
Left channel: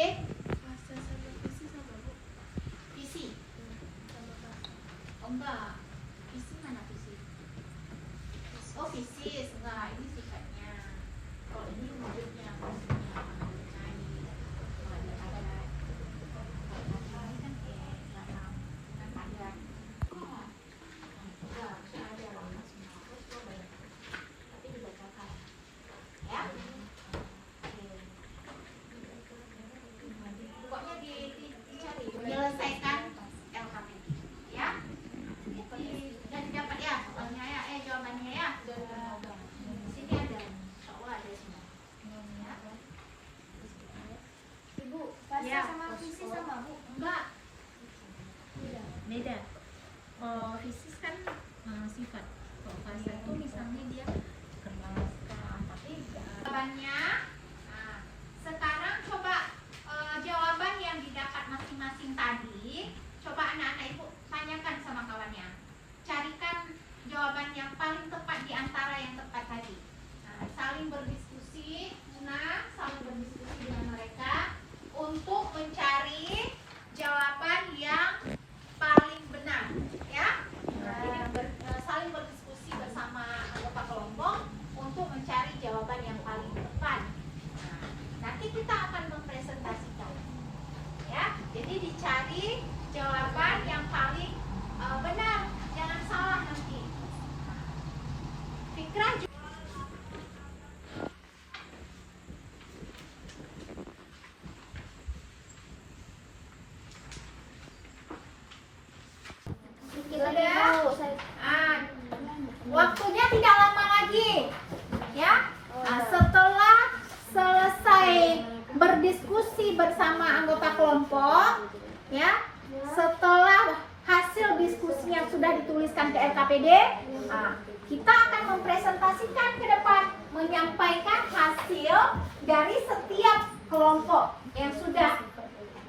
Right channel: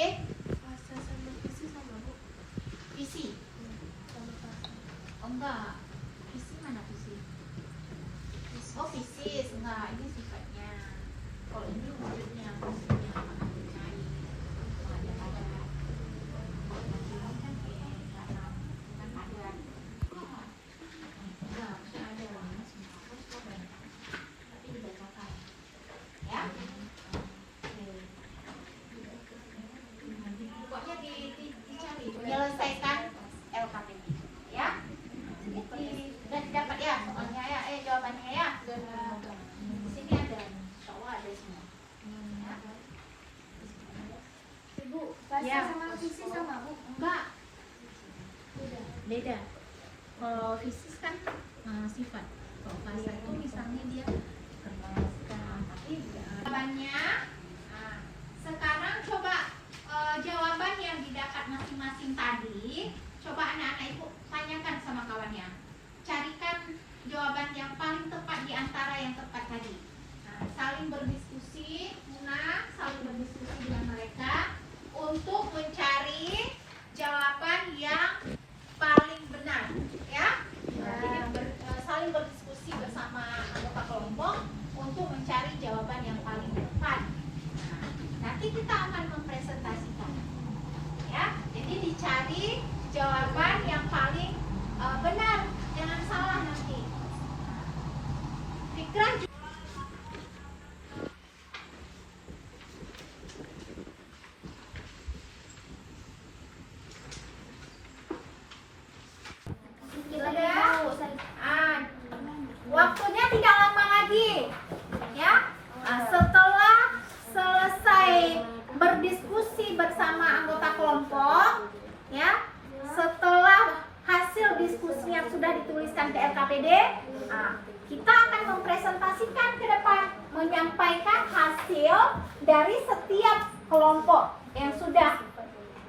Visi. Oh, enggak. Visi mana visi? Oh, visi enggak. Ini sifatnya. Kalau ini wujudnya, fungsinya, menyelesaikan LKPD, ya. Sudah didapat ya soalnya ya, jawabannya ya. Sini ada, insyaallah ada sini. Ya. Ibu, fasa Ya. sama visi sama Bu? Enggak, Beda. Kalau fisis kan sifat. Kalau fasa itu misalnya dia jawabannya. Nah, sekarang coba jawaban yang didapat masing-masing tadi, coba anak-anak ibu tanyakan sama kawannya. Carikan jawaban yang paling tepat di antara yang tepat tadi. Nah, saling berdiskusi, saling berdiskusi dengan mereka untuk mencari jawaban yang paling benar, ya. Nah, jadi saling berdiskusi bersama anggota kelompok untuk mencari jawaban yang paling tepat. Nah, nanti kita akan mempresentasikan, ya. Jadi dicari jawaban yang paling benar, jangan salah nanti. Fikrah. Sudah? Waktunya tidak lama lagi, ya. Setelah selesai berdiskusi bersama anggota kelompok, ya, setelah hasil diskusi yang sudah dituliskan ke LKPD, kita akan mempresentasikan ke depan, menyampaikan hasil dari setiap kelompok yang sudah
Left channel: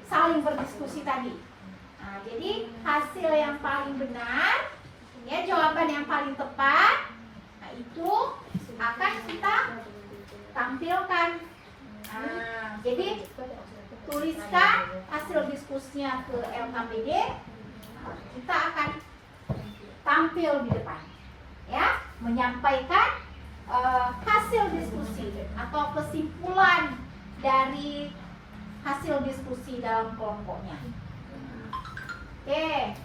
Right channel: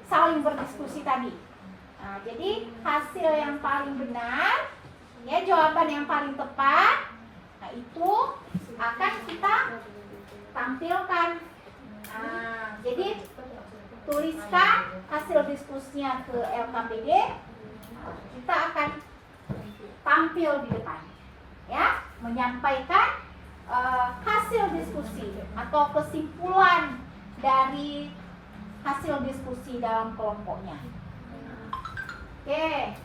saling berdiskusi tadi. Jadi hasil yang paling benar, ya, jawaban yang paling tepat, nah itu akan kita tampilkan. Jadi tuliskan hasil diskusinya ke LKPD, kita akan tampil di depan, ya, menyampaikan hasil diskusi atau kesimpulan dari hasil diskusi dalam kelompoknya. Oke.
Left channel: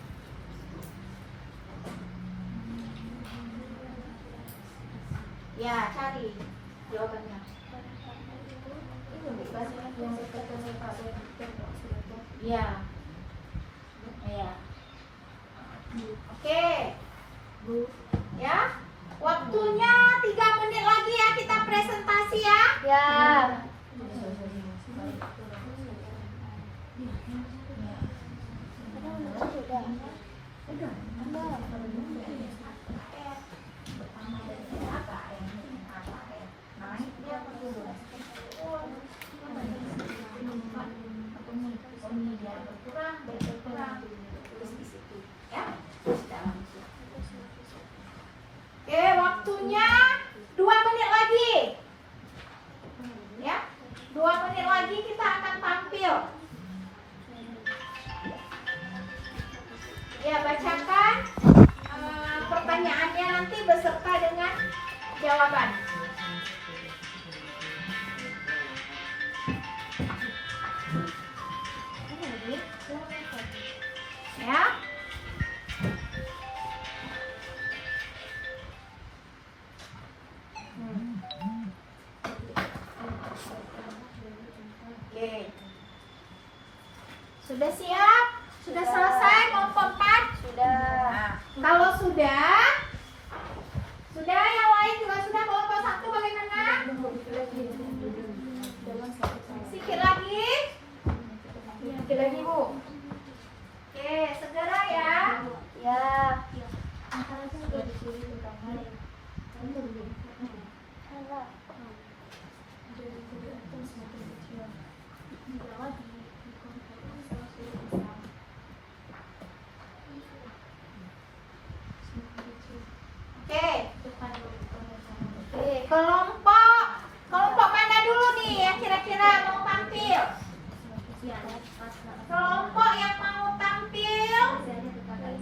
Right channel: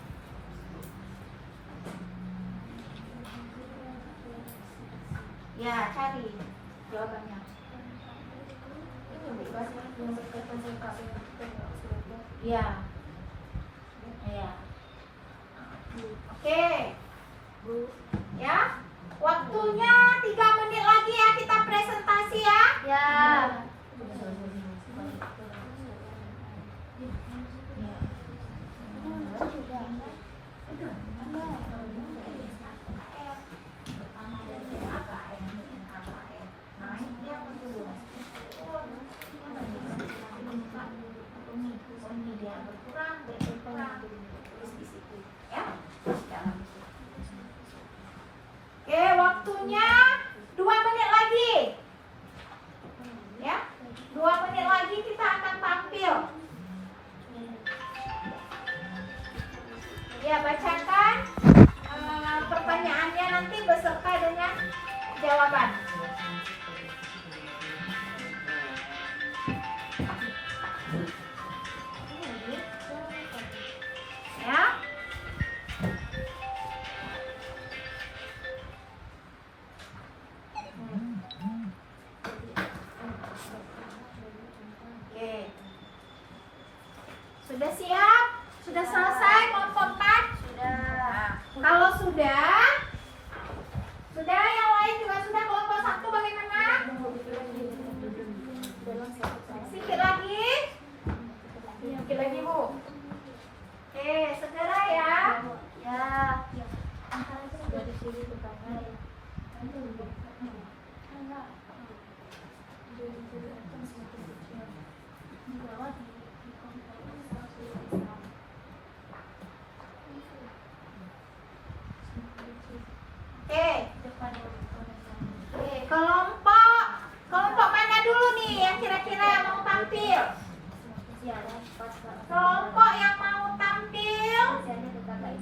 Ya, cari jawabannya. Ya. Ya. Oke. Ya. Waktunya 3 menit lagi ya, kita presentasi ya. Ya. Oke, waktunya 2 menit lagi. Ya, 2 menit lagi kita akan tampil. Ya, bacakan pertanyaannya nanti beserta dengan jawaban. Ya. Oke. Sudah siap? Sudah selesai kelompok 4? Sudah. Kalau sudah yang lain juga sudah. Kelompok 1 bagaimana? Sedikit lagi. Sedikit lagi, Bu. Oke, segera ya. Ya. kelompok yang mau tampil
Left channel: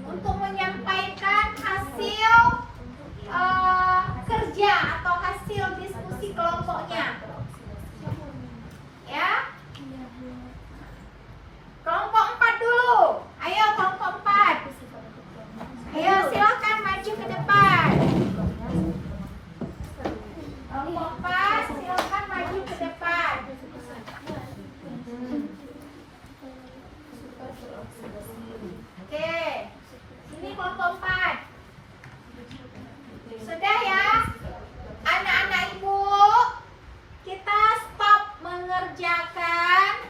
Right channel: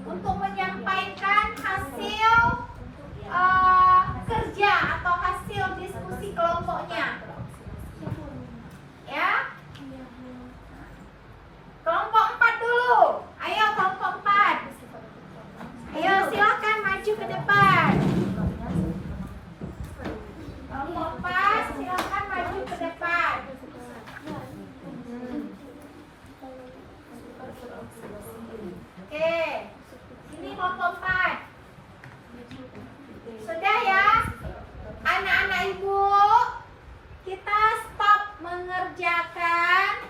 untuk menyampaikan hasil kerja atau hasil diskusi kelompoknya. Ya. Kelompok 4 dulu. Ayo kelompok 4. Ayo silakan maju ke depan. Kelompok 4 silakan maju ke depan. Oke. Sini kelompok 4. Sudah ya? Anak-anak ibu, kita stop mengerjakan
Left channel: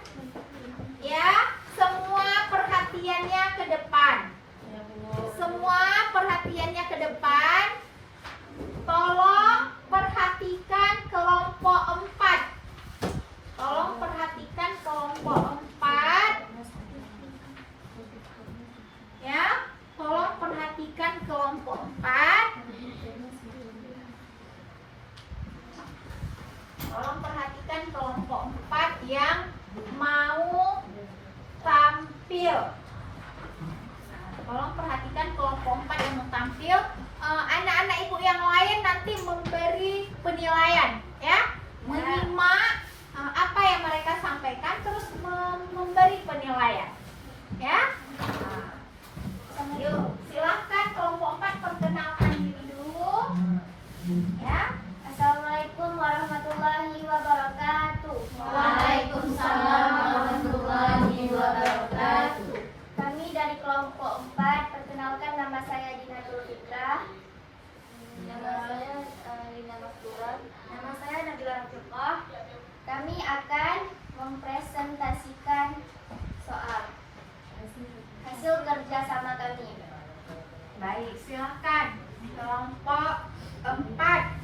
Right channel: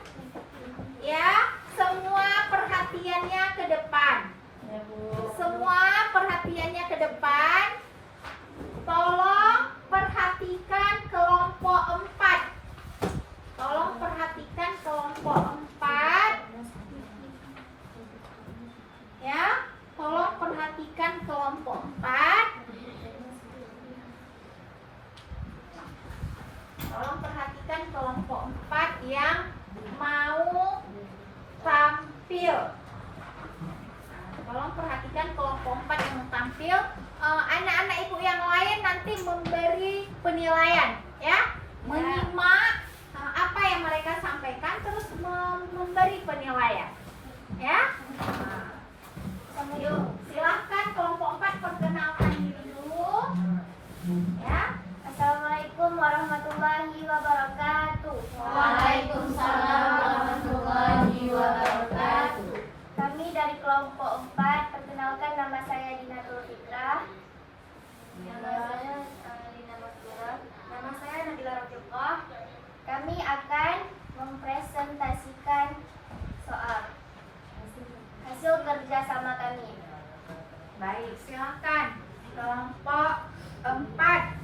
ya. Semua perhatiannya ke depan. Semua perhatiannya ke depan. Tolong perhatikan kelompok 4. Tolong perhatikan kelompok 4. Ya, tolong perhatikan kelompok 4. Tolong perhatikan kelompok 4 yang mau tampil. Tolong perhatikan kelompok 4 yang mau tampil. Anak-anak ibu yang lain nanti memberi penilaian, ya, menyimak apa yang mereka sampaikan, terus memberi penilaian, ya. Yuk, silahkan kelompok 4 perkenalkan diri dulu, ya. Assalamualaikum warahmatullahi wabarakatuh. Waalaikumsalam warahmatullahi wabarakatuh. Kami dari kelompok 4, perkenalkan nama saya Dinatul Fitrah. Nama saya Lina Mastura. Nama saya Nabila Rafiqah. Kami akan mempresentasikan soal hasil kerja sama kami. Baik, silahkan kelompok 4.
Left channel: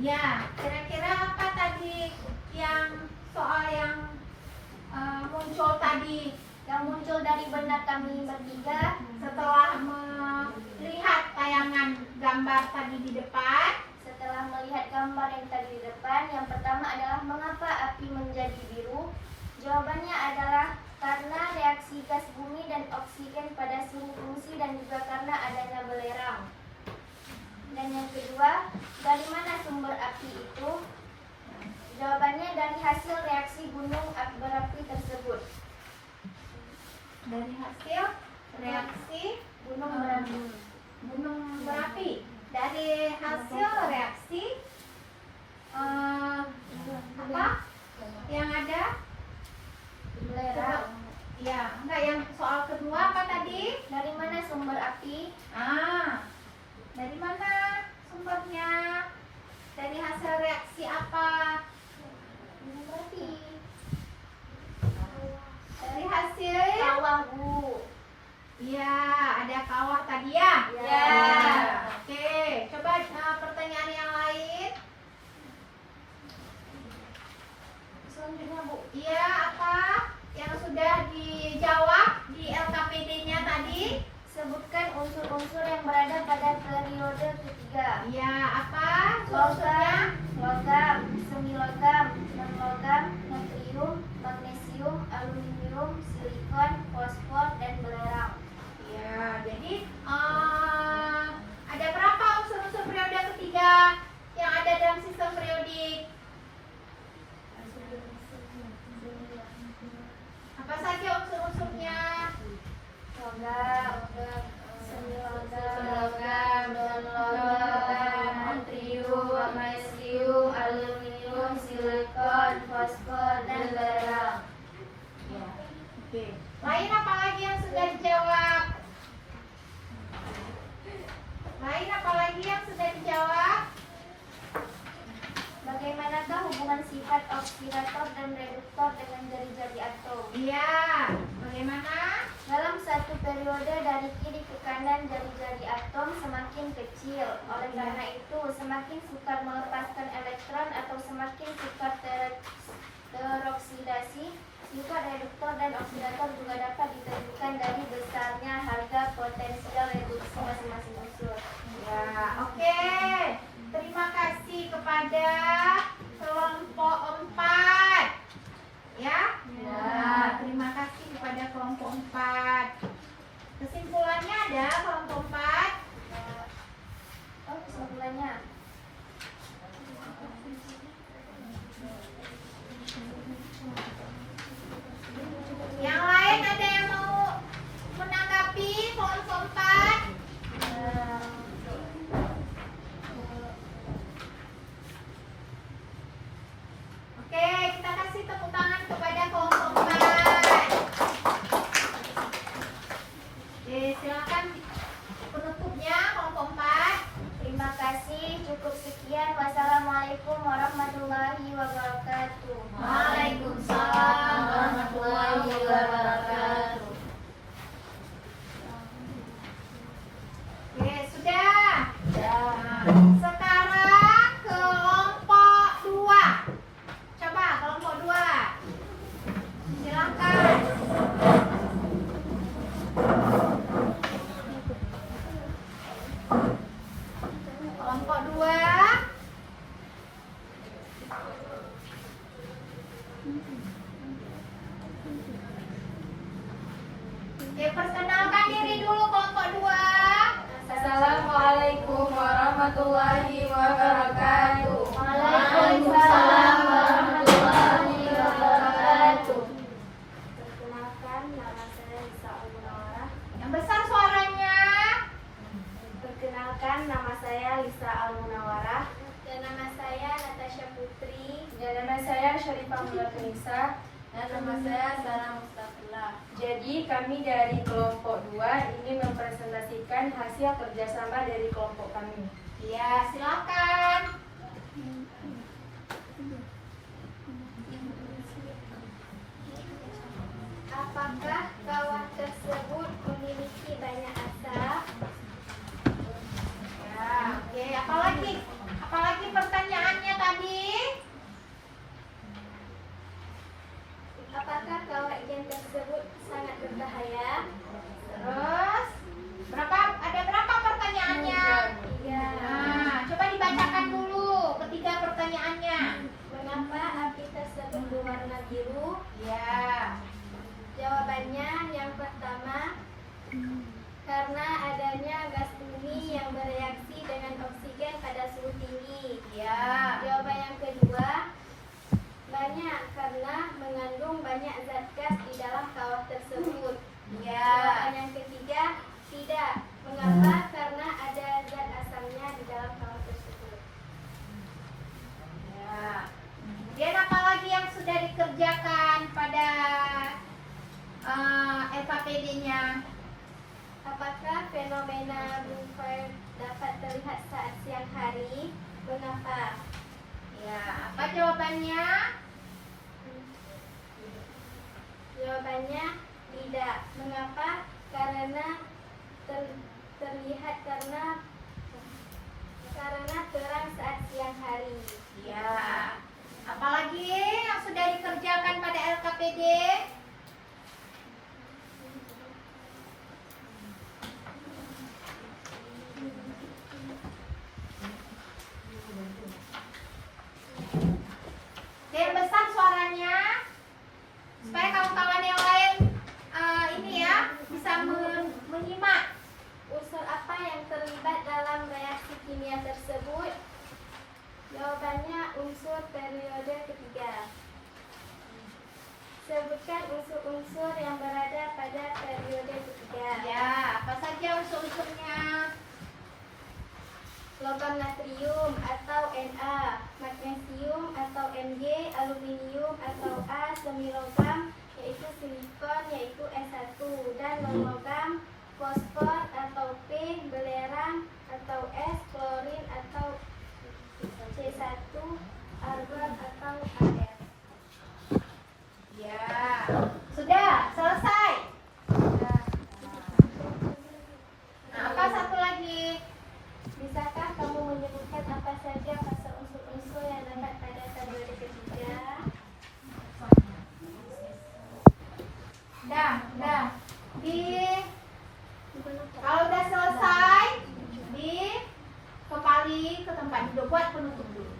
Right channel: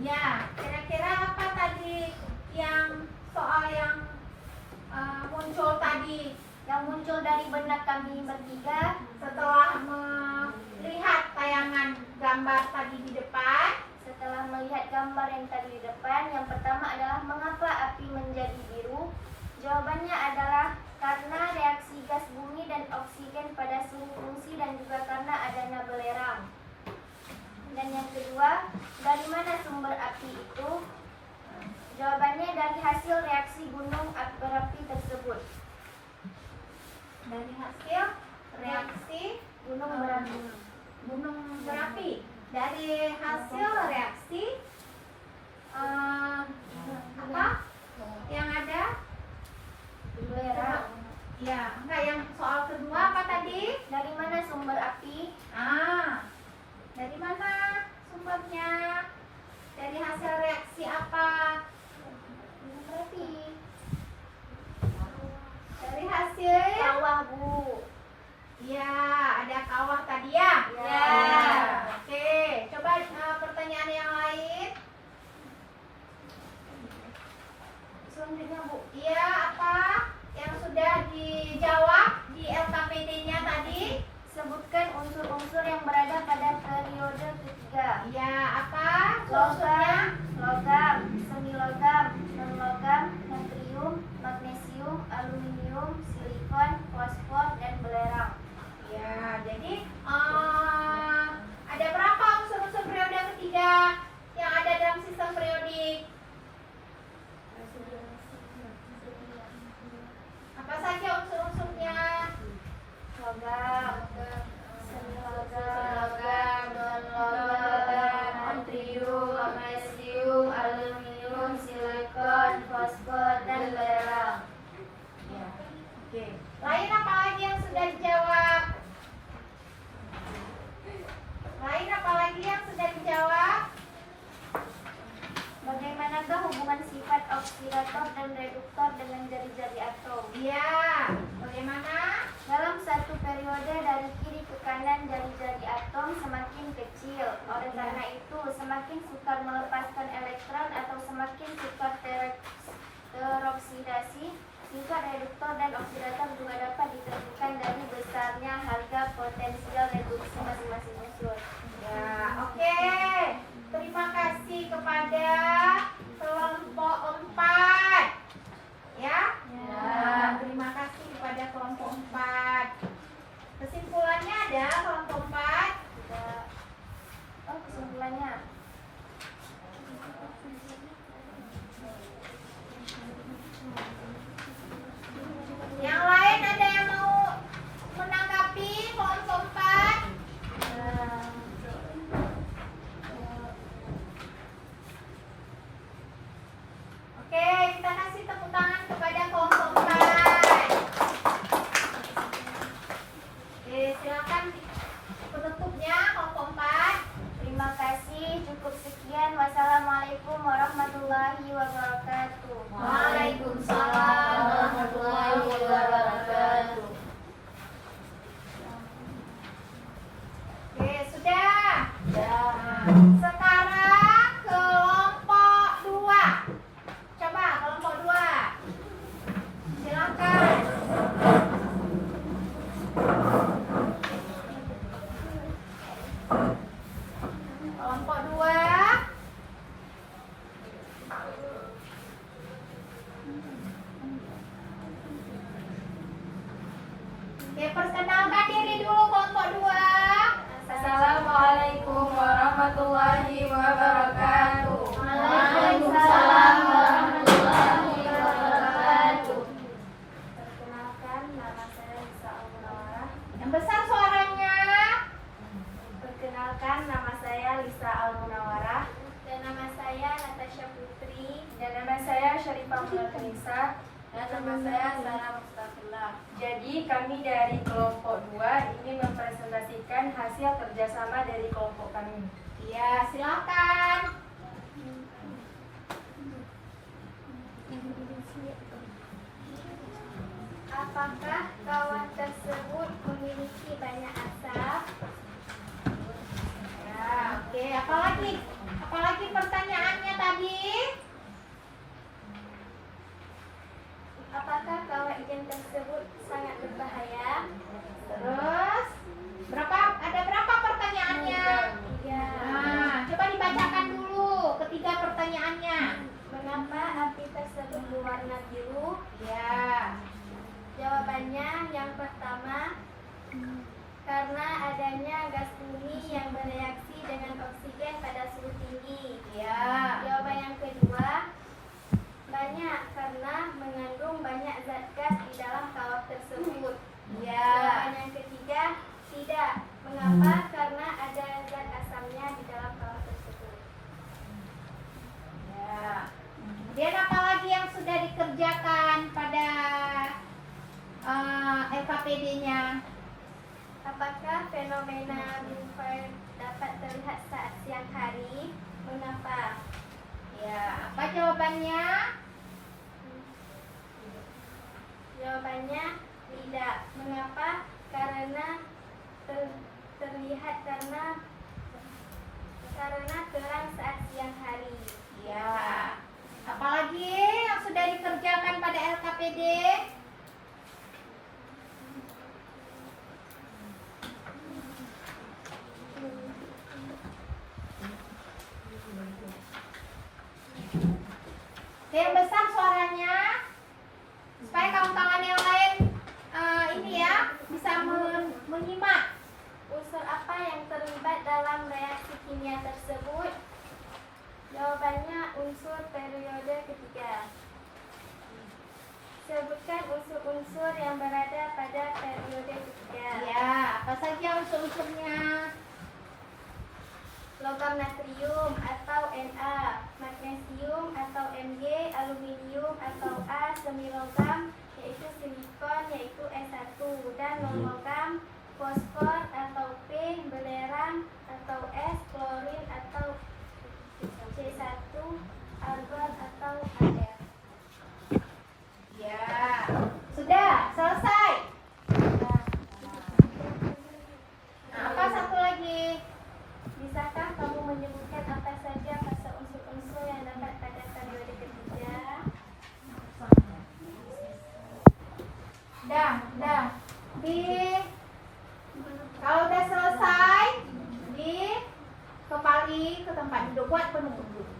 Ya, kira-kira apa tadi yang soal yang muncul tadi? Yang muncul dari benak kami bertiga Setelah melihat tayangan gambar tadi di depan, setelah melihat gambar yang tadi di depan, yang pertama adalah mengapa api menjadi biru? Jawabannya adalah karena reaksi gas bumi dan oksigen pada suhu fungsi dan juga karena adanya belerang. Dan yang kedua, dari mana sumber api itu? Jawabannya dari hasil reaksi gunung berapi tersebut. dari hasil reaksi gunung berapi, dari hasil reaksi apa yang ada? Belerang. Ya, enggak, yang soal kedua apa tadi? Dari mana sumber api? Dari mana sumbernya? Dari hasil reaksi apa? Gunung berapi. Dari hasil Kawah, Bu. ya, ada kawah tadi ya? Ya. Oke, coba pertanyaan yang lain. Selanjutnya, Bu. Iya, apa yang sudah dijawab di LKPD-nya tadi? Sebutkan unsur-unsur yang berada pada periode ketiga. Iya, apa? Logam, logam, semilogam, non-logam, natrium, magnesium, aluminium, silikon, fosfor, dan belerang. Ya, jadi ada berapa unsur-unsur periode ketiga yang ada dalam sistem periodik? Apa saja unsur-unsurnya? Logam, semilogam, non-logam, natrium, magnesium, aluminium, silikon, fosfor, dan belerang. Ya, oke. Lain apa lagi yang sudah dijawab? Lain apa lagi yang sudah dijawab? Bagaimanakah hubungan sifat oksidator dan reduktor dengan jari-jari atom? Iya, bagaimana? Dalam satu periode dari kiri ke kanan jari-jari atom semakin kecil. Oleh karena itu, semakin sukar melepaskan elektron atau semakin sukar teroksidasi, sifat reduktor dan oksidator juga dapat ditentukan dari besarnya harga potensial reduksi masing-masing unsur. Ya, oke. Terima kasih kepada kelompok 4. perkenalkan diri dulu kelompok 2. Assalamualaikum warahmatullahi wabarakatuh. Waalaikumsalam warahmatullahi wabarakatuh. Perkenalkan, nama saya Lisa Al-Munawwarah. Yang besar suaranya. Perkenalkan, nama saya Lisa Al-Munawwarah. Dan nama saya Natasha Putri. Dan nama saya Syarifah Mulatanisa. Dan nama saya Sarah Mustafillah. Jadi kami dari kelompok 2 ini mempresentasikan hasil kerjasama dari kelompok kami. Iya, silakan. Apakah kawah tersebut memiliki banyak asap? Ya, oke. Apalagi pertanyaannya tadi? Apakah kawah ijen tersebut sangat berbahaya? Terus ada berapa pertanyaannya? Ya. Nah, coba dibacakan dulu ketiga pertanyaannya. Mengapa api tersebut berwarna biru? Ya. Jawabannya yang pertama, karena adanya gas bumi yang bereaksi dengan oksigen pada suhu tinggi. Ya. Jawaban yang kedua, banyak karena mengandung banyak zat gas di dalam kawah tersebut. Ya. Jawaban yang ketiga, tidak. Mengapa? Karena ada zat asamnya di dalam kawah tersebut. Ya. Kemudian apa lagi yang sudah dikerjakan pada LKPD-nya? Apakah fenomena Bloomberg dapat terlihat saat siang hari? Mengapa? Ya, apa jawabannya? Jawabannya tidak. Mengapa? Karena terlihat karena terang saat siang hari. Ya. Apalagi yang sudah dikerjakan pada LKPD? Yang besar suaranya supaya kawan-kawan yang lain ini ya bisa menyimak. Unsur apa yang terlibat dalam reaksi kimia tersebut? Jawabannya unsur periode ketiga. Sebutkan unsur-unsur yang berada pada periode ketiga. Ya, apa saja unsur-unsurnya? Logam natrium atau Na, magnesium atau Mg, aluminium atau A, semilogam yaitu silikon yaitu S1, dan non-logam fosfor atau P, belerang atau S, klorin atau C1, argon atau Ar. Ya, sudah selesai. Nah, apa satu lagi? Bisakah kamu menyebutkan apa saja fase unsur-unsur yang dapat pada periode ketiga? Udah. Kalau udah selesai, kembali ke tempat duduk buat penutup dulu.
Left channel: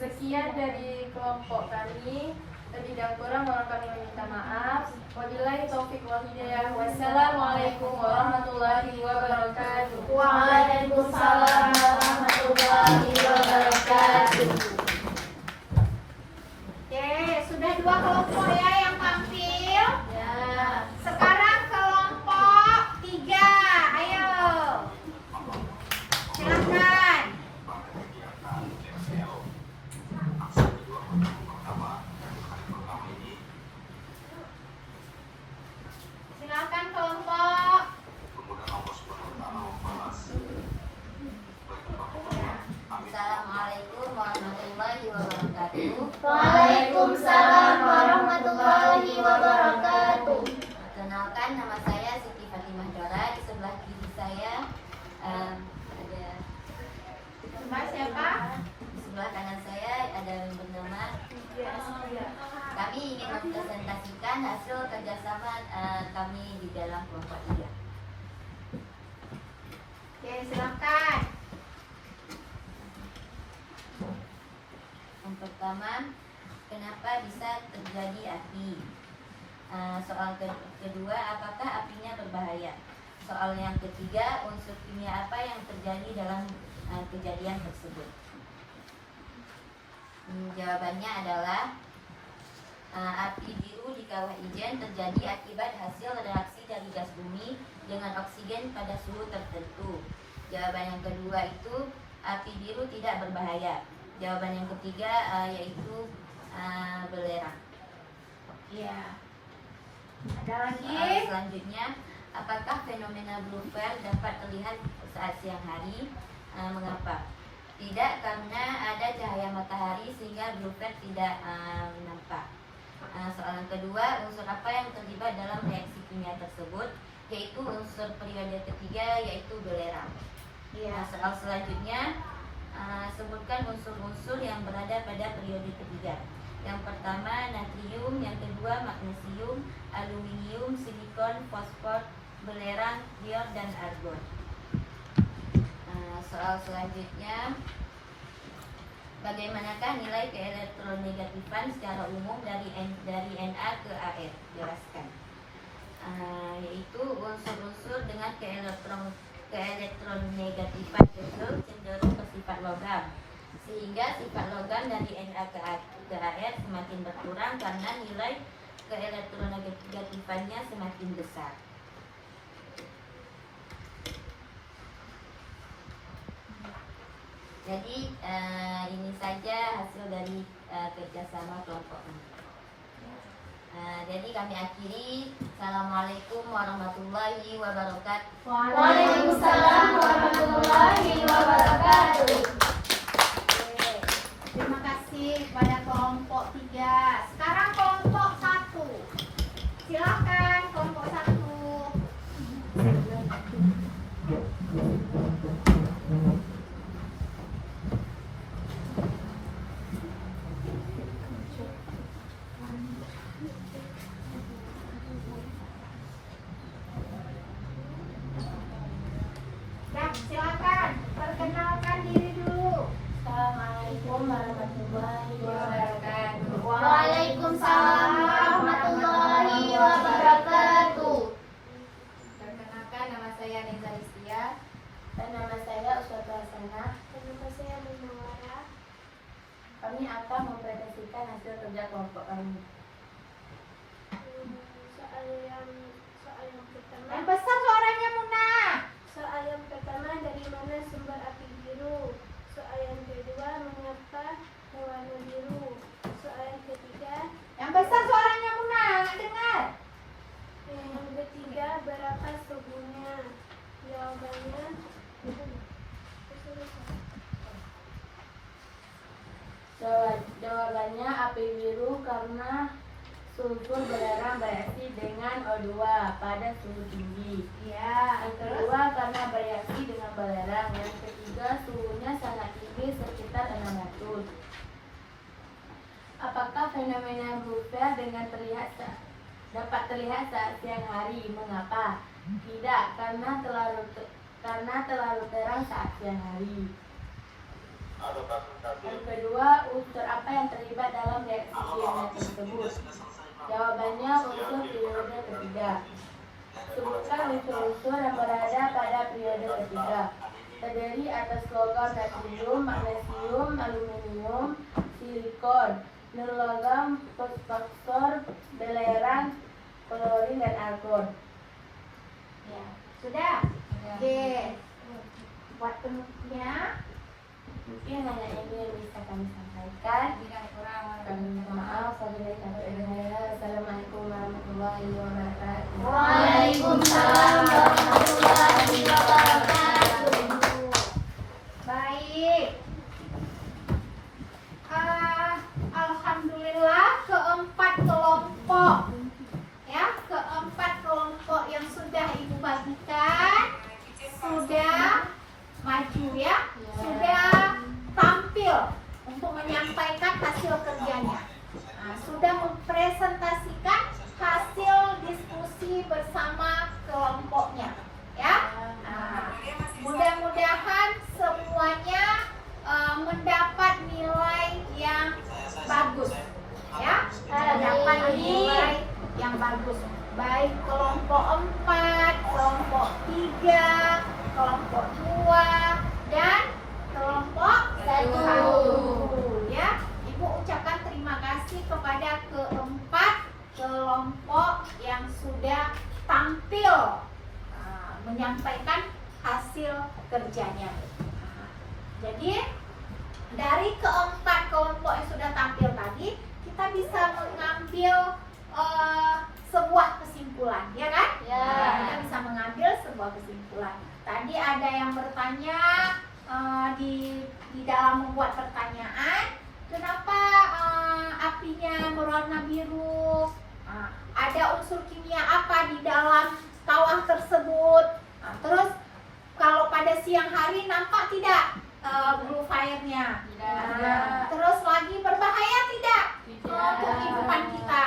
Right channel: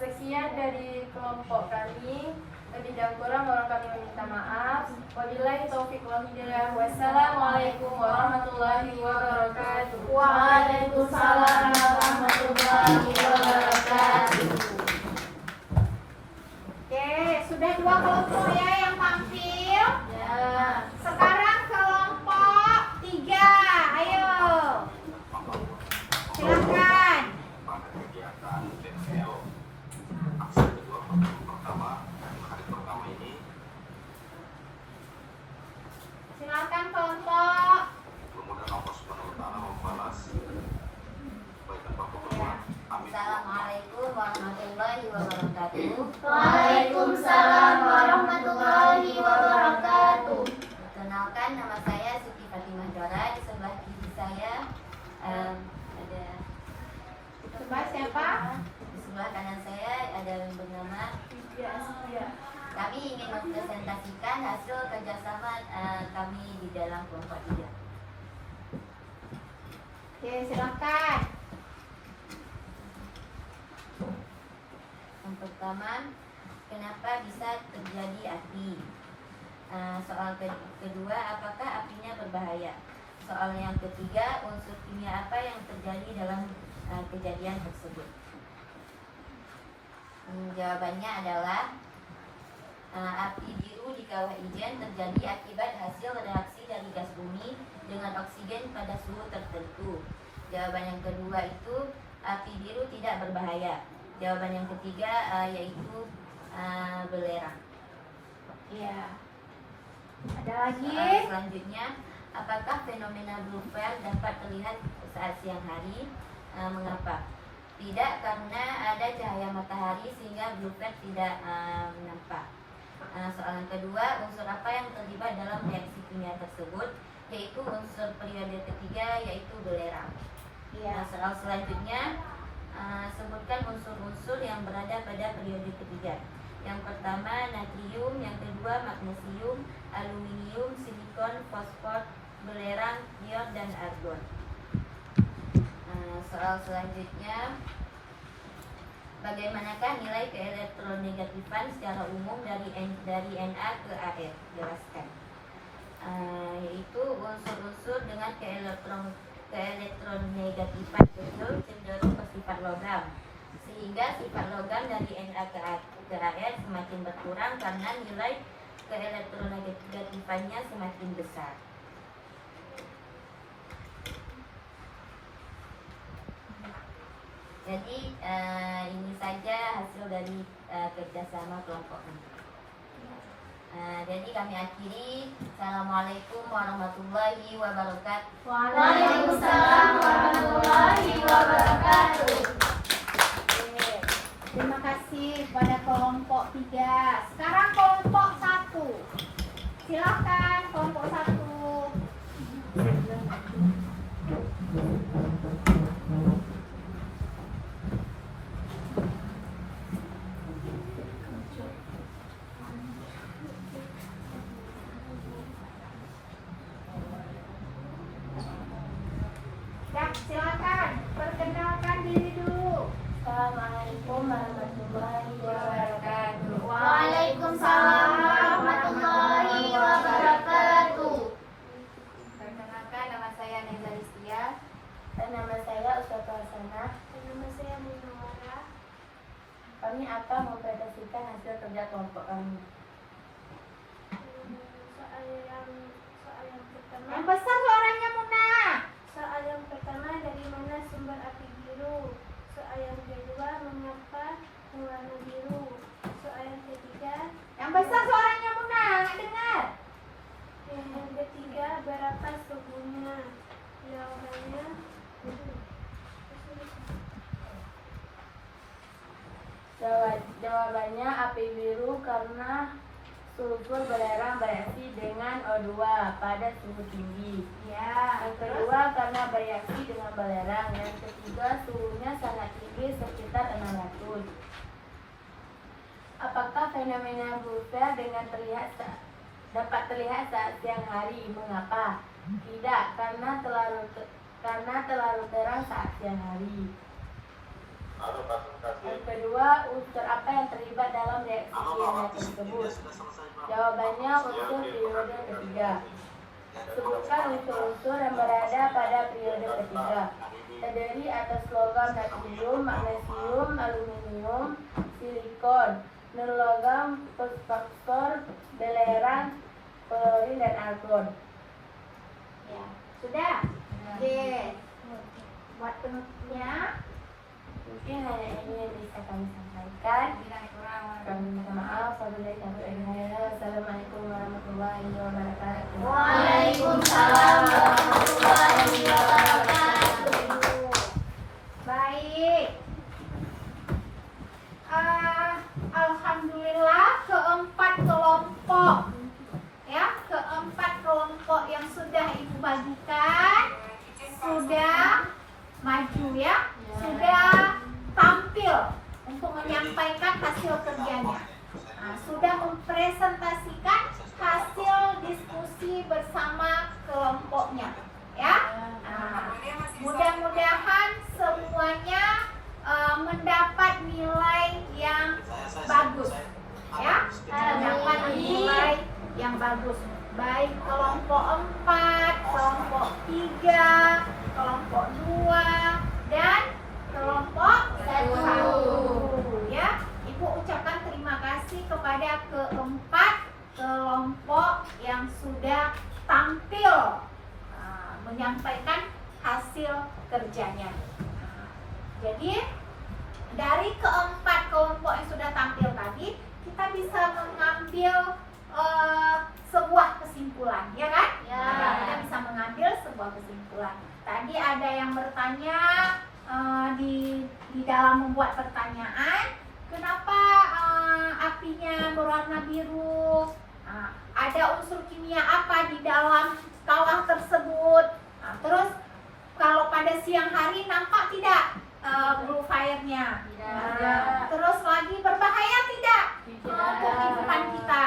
Sekian dari kelompok kami. Lebih dan kurang mohon kami meminta maaf. Wabillahi taufiq wal hidayah. Wassalamualaikum warahmatullahi wabarakatuh. Waalaikumsalam warahmatullahi wabarakatuh. Oke, sudah dua kelompok ya yang tampil. Ya. Sekarang kelompok 3. Ayo. Silakan. Silakan kelompok. Assalamualaikum warahmatullahi wabarakatuh. Waalaikumsalam warahmatullahi wabarakatuh. Perkenalkan, nama saya Siti Fatimah Dora. Di sebelah kiri saya ada Coba siapa? di sebelah kanan saya ada yang bernama. Kami ingin mempresentasikan hasil kerjasama kami di dalam kelompok 3. Oke, silakan. Yang pertama, kenapa bisa terjadi api? Soal kedua, apakah apinya berbahaya? Soal yang ketiga, unsur kimia apa yang terjadi dalam kejadian tersebut? Jawabannya adalah api biru di kawah ijen terjadi akibat hasil reaksi dari gas bumi dengan oksigen pada suhu tertentu. Jawaban yang kedua itu api biru tidak berbahaya. Jawaban yang ketiga yaitu belerang. Ya. Ada lagi? Soal selanjutnya, apakah fenomena blue flare dapat terlihat saat siang hari? Mengapa? Tidak, karena ada cahaya matahari sehingga blue flare tidak nampak. Soal yang kedua, unsur apa yang terlibat dalam reaksi kimia tersebut? Yaitu unsur periode ketiga, yaitu belerang. Iya. Soal selanjutnya, sebutkan unsur-unsur yang berada pada periode ketiga. Yang pertama natrium, yang kedua magnesium, aluminium, silikon, fosfor, belerang, ion, dan argon. Soal selanjutnya, bagaimanakah nilai keelektronegatifan secara umum dari Na ke Ar? Jelaskan. Yaitu unsur-unsur dengan keelektronegatifan kecil cenderung bersifat logam, sehingga sifat logam dari Na ke Ar semakin berkurang karena nilai keelektronegatifannya semakin besar. Jadi ini saja hasil dari kerjasama kelompok ini. Jadi kami akhiri. Assalamualaikum warahmatullahi wabarakatuh. Waalaikumsalam warahmatullahi wabarakatuh. Terima kasih kepada kelompok 3. Sekarang kelompok 1. Silakan kelompok 1. Silakan perkenalkan diri dulu. Assalamualaikum warahmatullahi wabarakatuh. Waalaikumsalam warahmatullahi wabarakatuh. Perkenalkan, nama saya Neza Listia. Dan nama saya Ustazah Hasanah. Dan nama saya Munawara. Kami akan mempresentasikan hasil kerja kelompok kami. Soal yang pertama. Yang besar suaranya Muna. Soal yang pertama, dari mana sumber api biru? Soal yang kedua, mengapa berwarna biru? Soal yang ketiga, Yang besar suaranya Muna, nggak dengar. yang ketiga, berapa suhunya? Jawabannya api biru karena sulfur belerang bereaksi dengan O2 pada suhu tinggi. Ya, Yang kedua karena bereaksi dengan belerang. Yang ketiga suhunya sangat tinggi sekitar 600. Apakah fenomena blue flare dapat terlihat saat siang hari? Mengapa? Tidak, karena terlalu terang saat siang hari. Yang kedua, unsur apa yang terlibat dalam reaksi kimia tersebut? Jawabannya unsur periode ketiga. Sebutkan unsur-unsur yang berada pada periode ketiga. Terdiri atas logam natrium, magnesium, aluminium, silikon, non-logam, fosfor, belerang, klorin, dan argon. ya. Sudah? Oke. Buat penutupnya, Mungkin hanya ini yang bisa kami sampaikan. Kami minta maaf. Assalamualaikum warahmatullahi wabarakatuh. Waalaikumsalam warahmatullahi wabarakatuh. Baik. Alhamdulillah keempat kelompok yang sudah Ibu bagikan sudah maju ya, sudah tampil untuk menyampaikan hasil kerjanya. Sudah mempresentasikan hasil diskusi bersama kelompoknya ya. Mudah-mudahan semuanya mendapat nilai yang bagus kerjanya. Nah, jadi dari keempat kelompok yang sudah tampil tadi, kita bisa mengambil sebuah kesimpulan, ya kan? Ya. Kita bisa mengambil sebuah kesimpulan. Tadi ada yang bertanya di dalam membuat pertanyaan, kenapa apinya berwarna biru? Ada unsur kimia apa di dalam kawah tersebut? Terus kalau pada siang hari nampak tidak blue fire-nya? Terus lagi berbahaya tidak untuk kehidupan kita?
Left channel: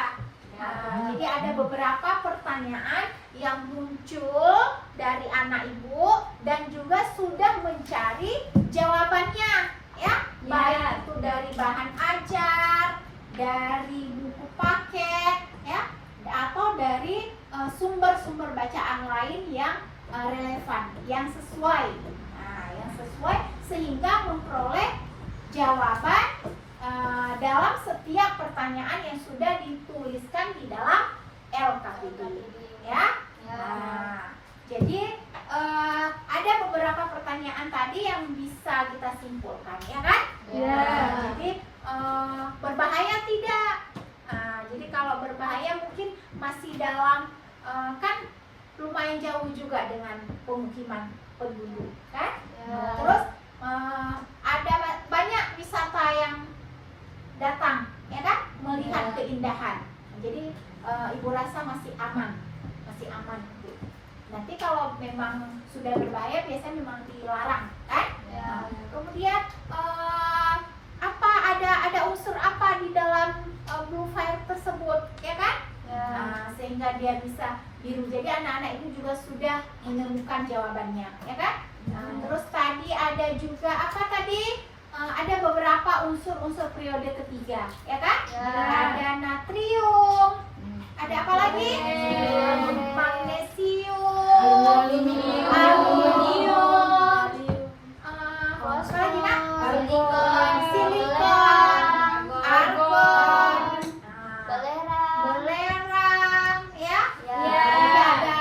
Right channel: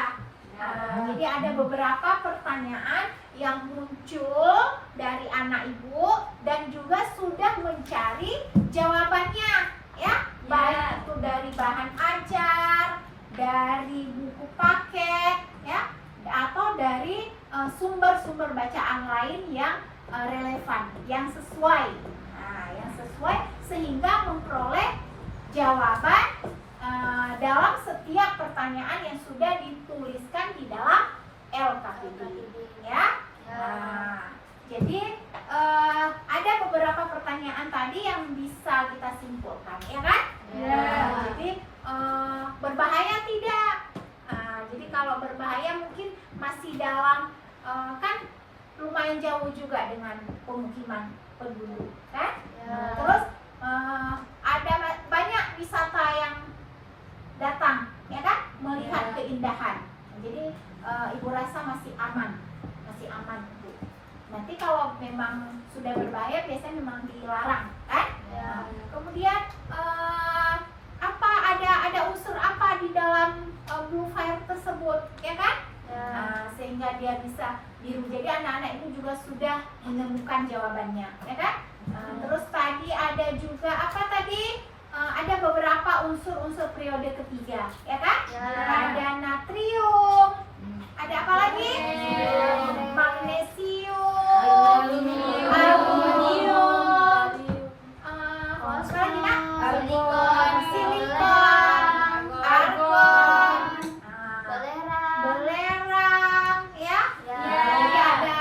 Jadi ada beberapa pertanyaan yang muncul dari anak ibu dan juga sudah mencari jawabannya, ya. Baik itu dari bahan ajar, dari buku paket, ya, atau dari sumber-sumber bacaan lain yang relevan, yang sesuai. Nah, yang sesuai sehingga memperoleh jawaban dalam setiap pertanyaan yang sudah dituliskan di dalam LKPD, ya. Nah, jadi ada beberapa pertanyaan tadi yang bisa kita simpulkan, ya kan? Ya. Jadi berbahaya tidak? Jadi kalau berbahaya mungkin masih dalam kan lumayan jauh juga dengan pemukiman penduduk, kan? Terus ada banyak wisata yang datang, ya kan? Melihat keindahan. Jadi ibu rasa masih aman itu. Nanti kalau memang sudah berbahaya biasanya memang dilarang, kan? Kemudian apa ada unsur apa di dalam blue fire tersebut, ya kan? Sehingga dia bisa biru. Jadi anak-anak itu juga sudah menemukan jawabannya, ya kan? Terus tadi ada juga apa tadi? Ada beberapa unsur-unsur periode ketiga, ya kan? Ada natrium, ada apa lagi? Magnesium, aluminium, apa lagi nak? Silikon, argon, belerang, ya. Jadi ada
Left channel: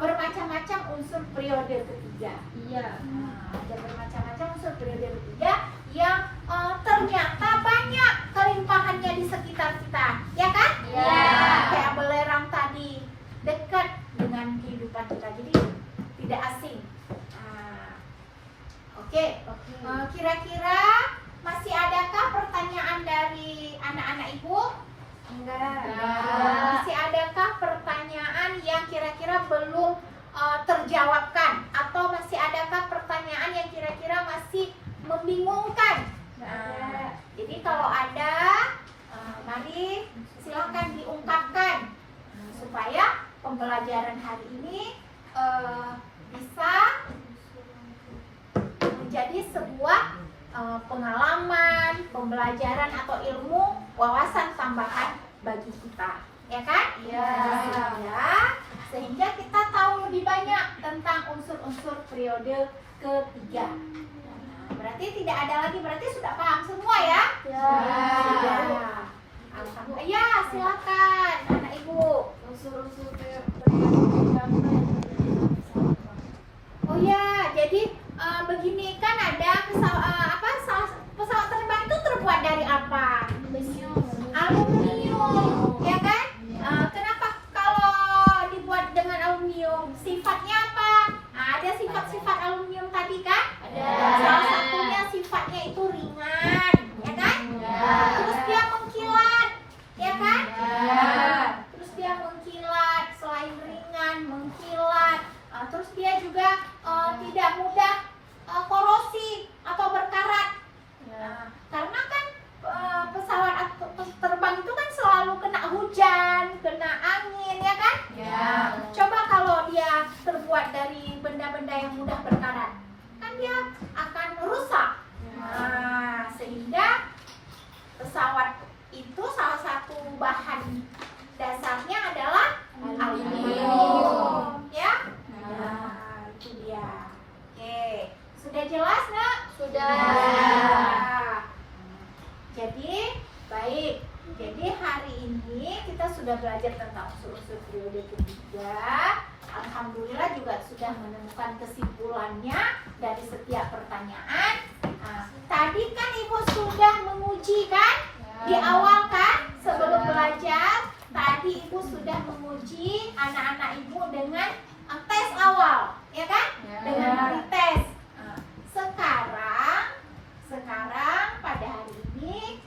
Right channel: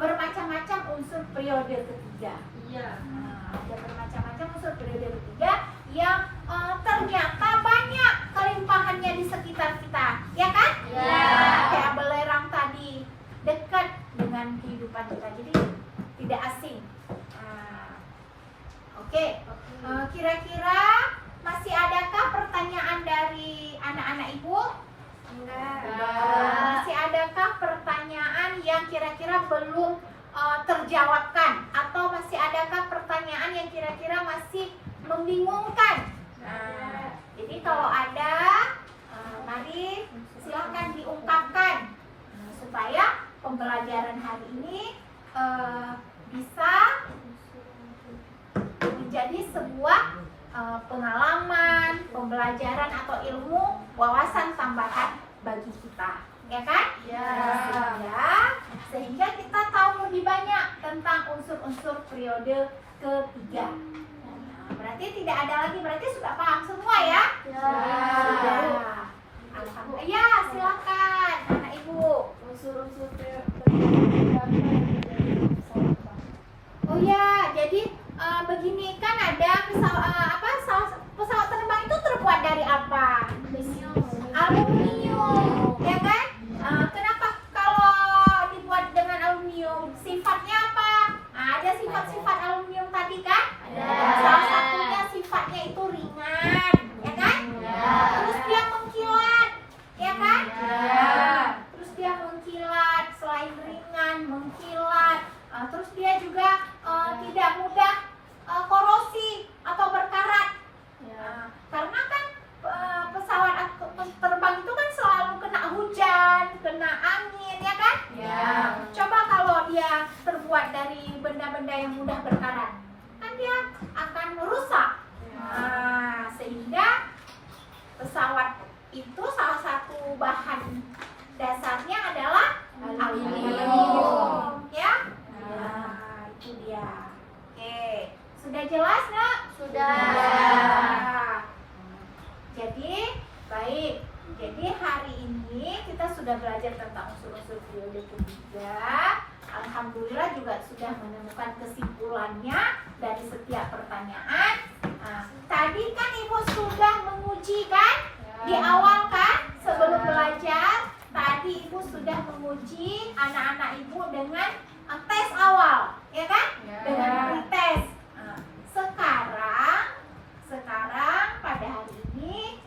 bermacam-macam unsur periode ketiga. Ada bermacam-macam unsur periode ketiga yang ternyata banyak kelimpahannya di sekitar kita, ya kan? Kayak belerang tadi, dekat dengan kehidupan kita, jadi tidak asing. Oke. Kira-kira masih adakah pertanyaan dari anak-anak ibu? Enggak. Masih adakah pertanyaan yang kira-kira belum terjawabkan, atau masih adakah pertanyaan yang kira-kira masih membingungkan? Jadi kalau ada, mari silakan diungkapkan supaya pembelajaran hari ini bisa menjadi sebuah pengalaman, pembelajaran atau ilmu wawasan tambahan bagi kita, ya kan? Sehingga kita tahu lebih banyak tentang unsur-unsur periode ketiga. Berarti tidak ada lagi, berarti sudah paham semua, ya? Alhamdulillah. Ya, silakan anak ibu. Unsur-unsur Oh ya, jadi begini kan ada pesawat terbang itu terbuat dari apa? Aluminium, ya kan? Kenapa kalau dibuat dengan aluminium? Sifatnya apa? Ada sifat-sifat aluminium tadi kan? Salah satunya sifatnya itu ringan, ya kan? Terus dia mengkilat, ya kan? Terus dia mengkilat, selain ringan, mengkilat. Terus dia juga tidak mudah korosi atau berkarat. Karena kan pesawat terbang itu kan selalu kena hujan, kena angin, ya kan? Coba kalau dia terbuat dari benda-benda yang mudah berkarat, kan dia akan rusak. Sehingga pesawat itu salah satu bahan dasarnya adalah aluminium, ya? Itu dia. Oke, sudah jelas, nak? Sudah. Jadi, baik. Jadi hari ini kita sudah belajar tentang unsur-unsur periode ketiga. Alhamdulillah juga sudah menemukan kesimpulannya dari setiap pertanyaan. Nah, tadi kan Ibu sudah menguji kan? Di awal kan? Sebelum belajar, tadi Ibu sudah menguji anak-anak Ibu dengan tes awal, ya kan? Dengan pretest. Nah, sekarang pada hari ini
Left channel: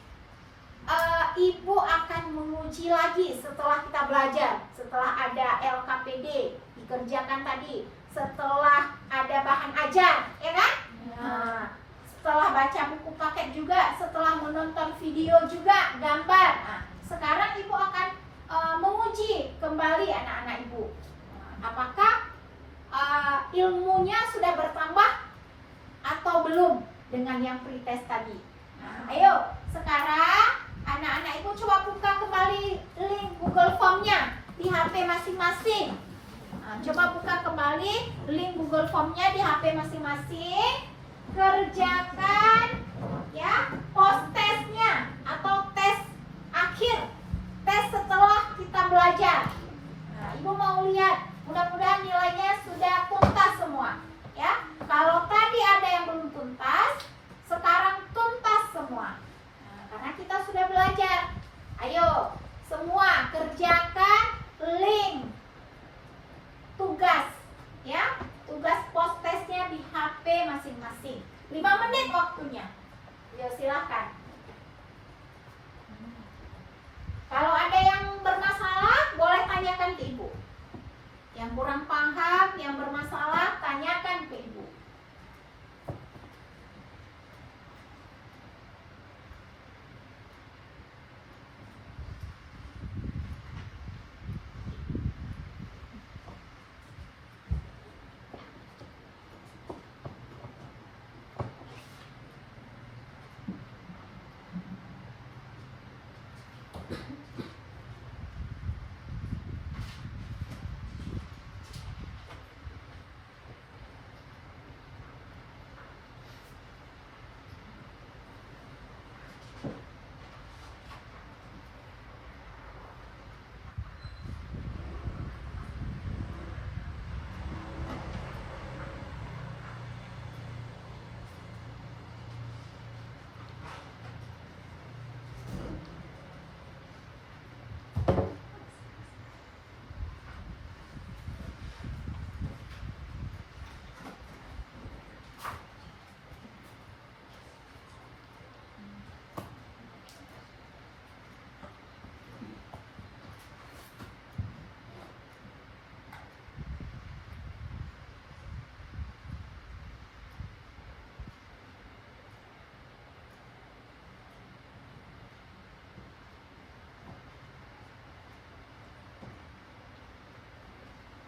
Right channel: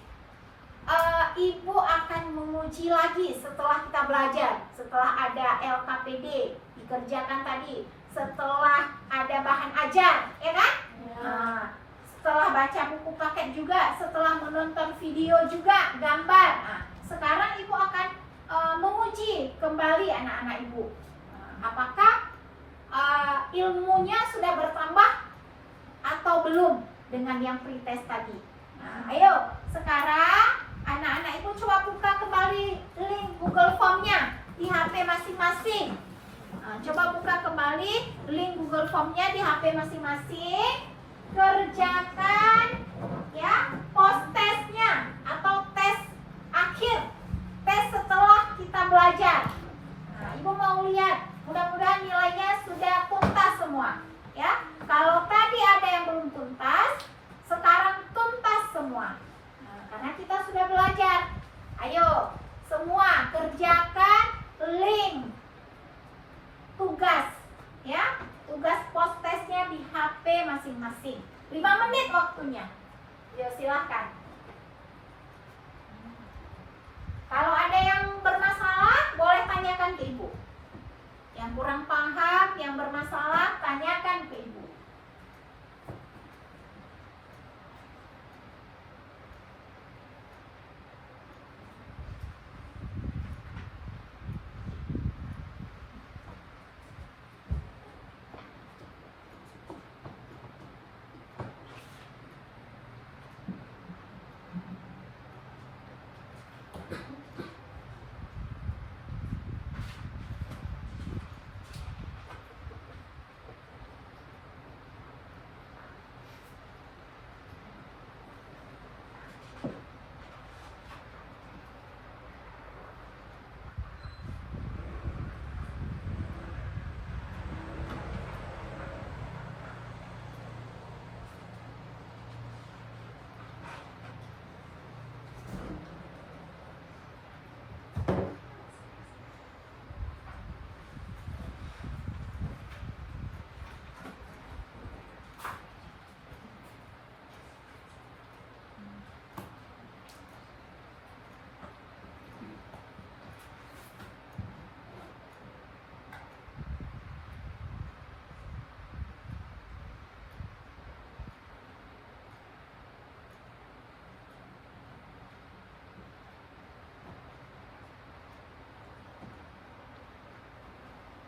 Ibu akan menguji lagi setelah kita belajar, setelah ada LKPD dikerjakan tadi, setelah ada bahan ajar, ya kan? Nah, setelah baca buku paket juga, setelah menonton video juga, gambar. Nah, sekarang Ibu akan menguji kembali anak-anak Ibu. Apakah ilmunya sudah bertambah atau belum dengan yang pretest tadi? Nah, ayo sekarang anak-anak Ibu coba buka kembali link Google Form-nya di HP masing-masing. Nah, coba buka kembali link Google Form-nya di HP masing-masing. Kerjakan ya post testnya atau tes akhir, tes setelah kita belajar. Nah, Ibu mau lihat, mudah-mudahan nilainya sudah tuntas semua ya. Kalau tadi ada yang belum tuntas, sekarang tuntas semua. Nah, karena kita sudah belajar. Ayo semua kerjakan link tugas ya, tugas post testnya di HP masing-masing. 5 menit waktunya. Ya silahkan. Kalau ada yang bermasalah, boleh tanyakan ke Ibu. Yang kurang paham, yang bermasalah, tanyakan ke Ibu.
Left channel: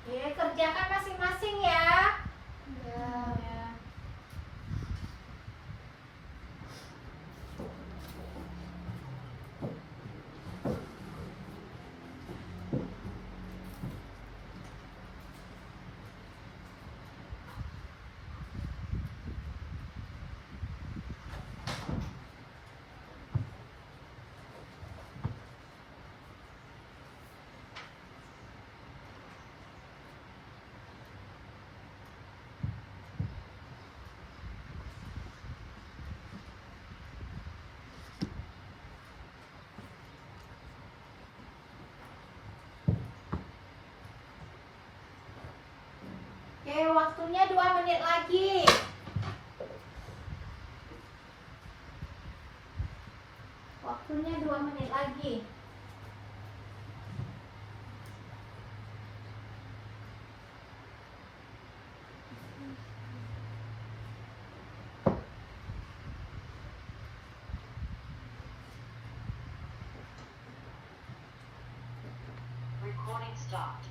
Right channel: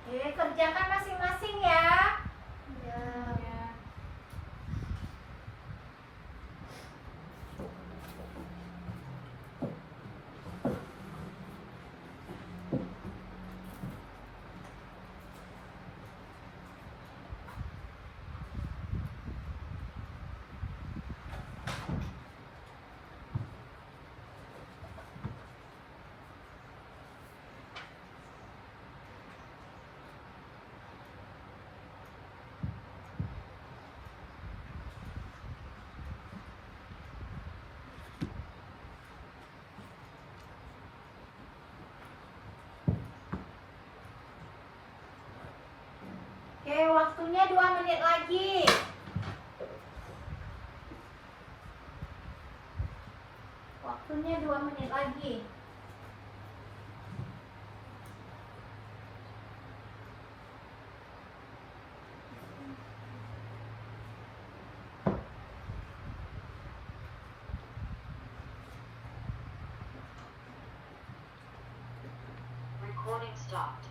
Oke, kerjakan masing-masing ya. Oke, waktunya 2 menit lagi. Waktunya 2 menit lagi. Recording stopped.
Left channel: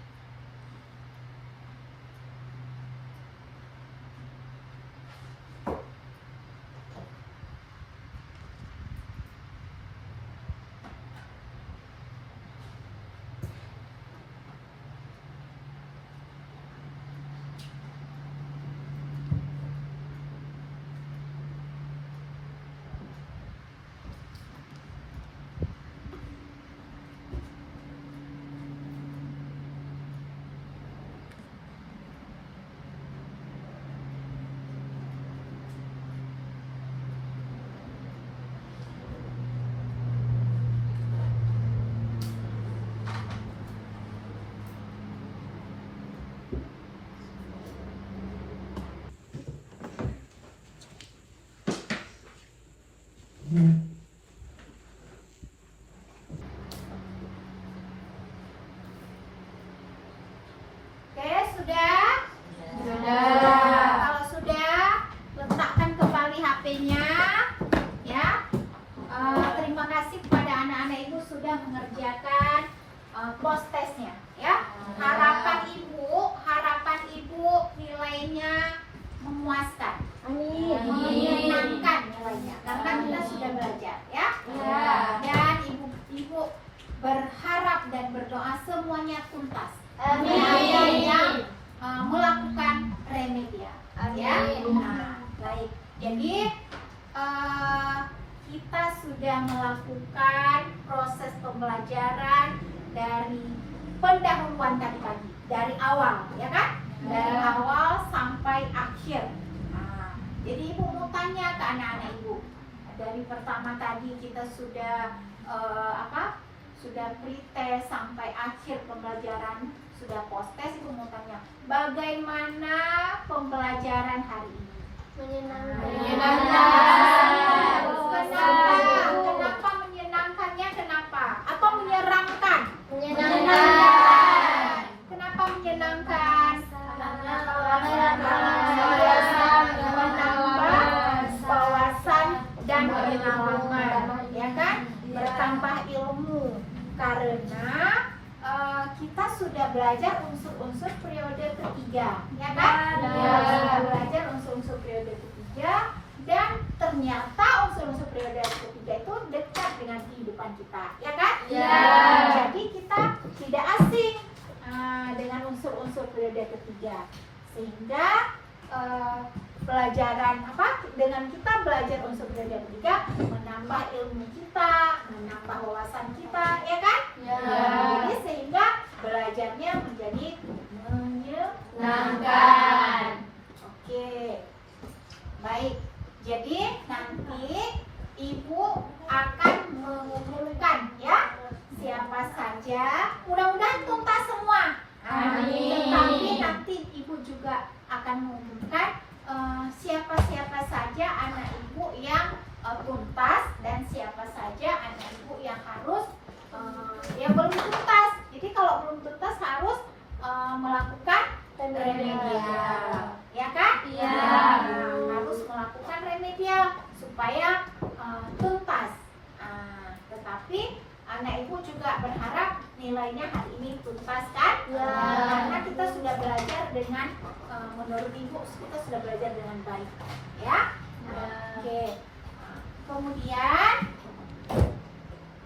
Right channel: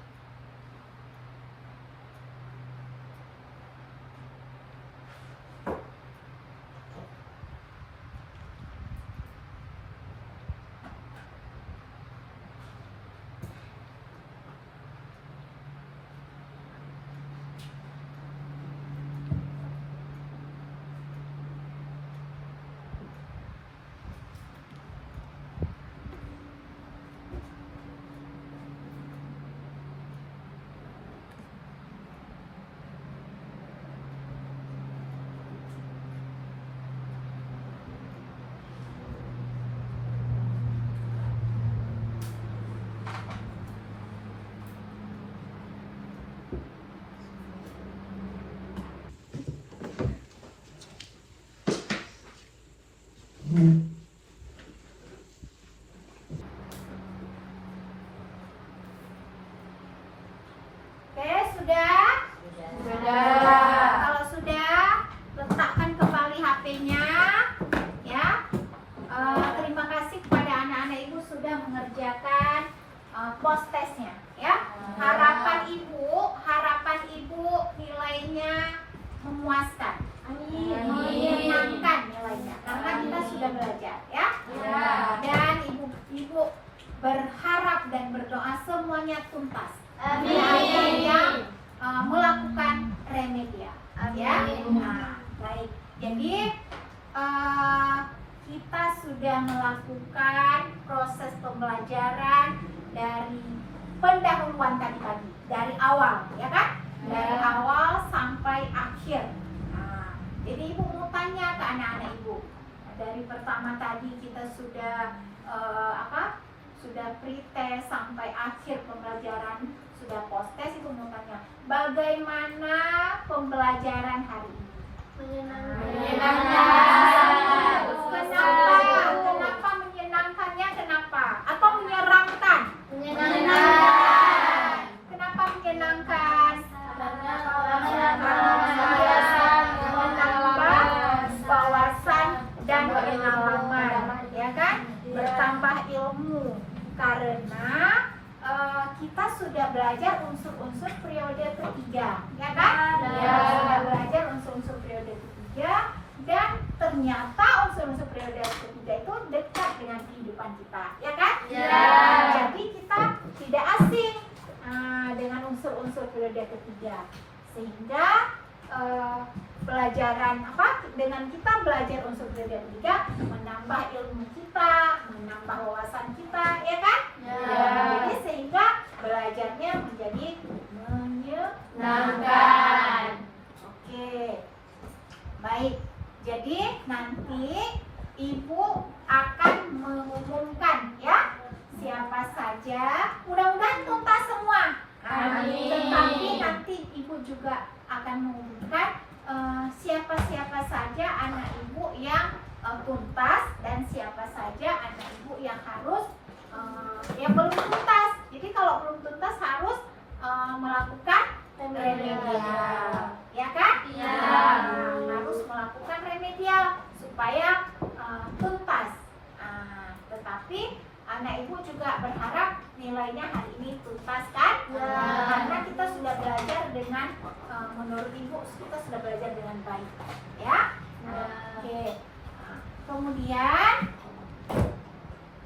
terima kasih kepada anak-anak ibu sudah mengerjakan post testnya ya. Harapan ibu nilainya memuaskan, menyenangkan nilainya karena kita sudah belajar ya. Dan ibu berharap dan berdoa semuanya tuntas. Ada yang melakukan remedial ya. Nah, baik. Jadi kita sudah melakukan proses pembelajaran dari pendahuluan tadi pagi, dari awal, ya kan? Dari awal sampai akhir. Nah, jadi ibu mau tanya ke anak-anak ibu. Dari pertama tadi kita sudah sudah pre-test sampai akhir pembelajaran, sudah post-test. Ibu mau tanya, bagaimana pembelajaran hari ini? Menyenangkan. Kenapa menyenangkannya? Kenapa? Atau menyeramkan? Menyenangkan. Kenapa menyenangkan? Menambah wawasan dan pengalaman, ya kan? Bertambah ilmu karena kita sudah belajar unsur-unsur periode ketiga, ya kan? Sudah belajar unsur-unsur periode ketiga dan ternyata unsur-unsur periode ketiga itu dekat dengan kehidupan kita, ya kan? Jadi kita tidak asing dengan unsur-unsur periode ketiga, sehingga pelajaran dengan kita belajar unsur periode ketiga menambah ilmu kita, menambah wawasan kita, ya kan? Jadi sehingga belajarnya menjadi menyenangkan. Oke, baik. Jadi nanti ibu akan mengumumkan ya siapa saja. Mudah-mudahan tuntas semua. Amin. Tetapi nanti ibu juga akan mengumumkan siapa-siapa saja anak ibu yang tuntas dan siapa saja anak ibu yang harus yang belum tuntas. Jadi kalau belum tuntas harus melakukan remedial, ya kan? Harus melakukan remedial supaya tuntas. Tetapi anak ibu juga berharap nilainya hari ini tuntas kan? Karena kita sudah belajar dengan menurut ibu kita sudah belajar dengan baik, ya. Oke. Kemudian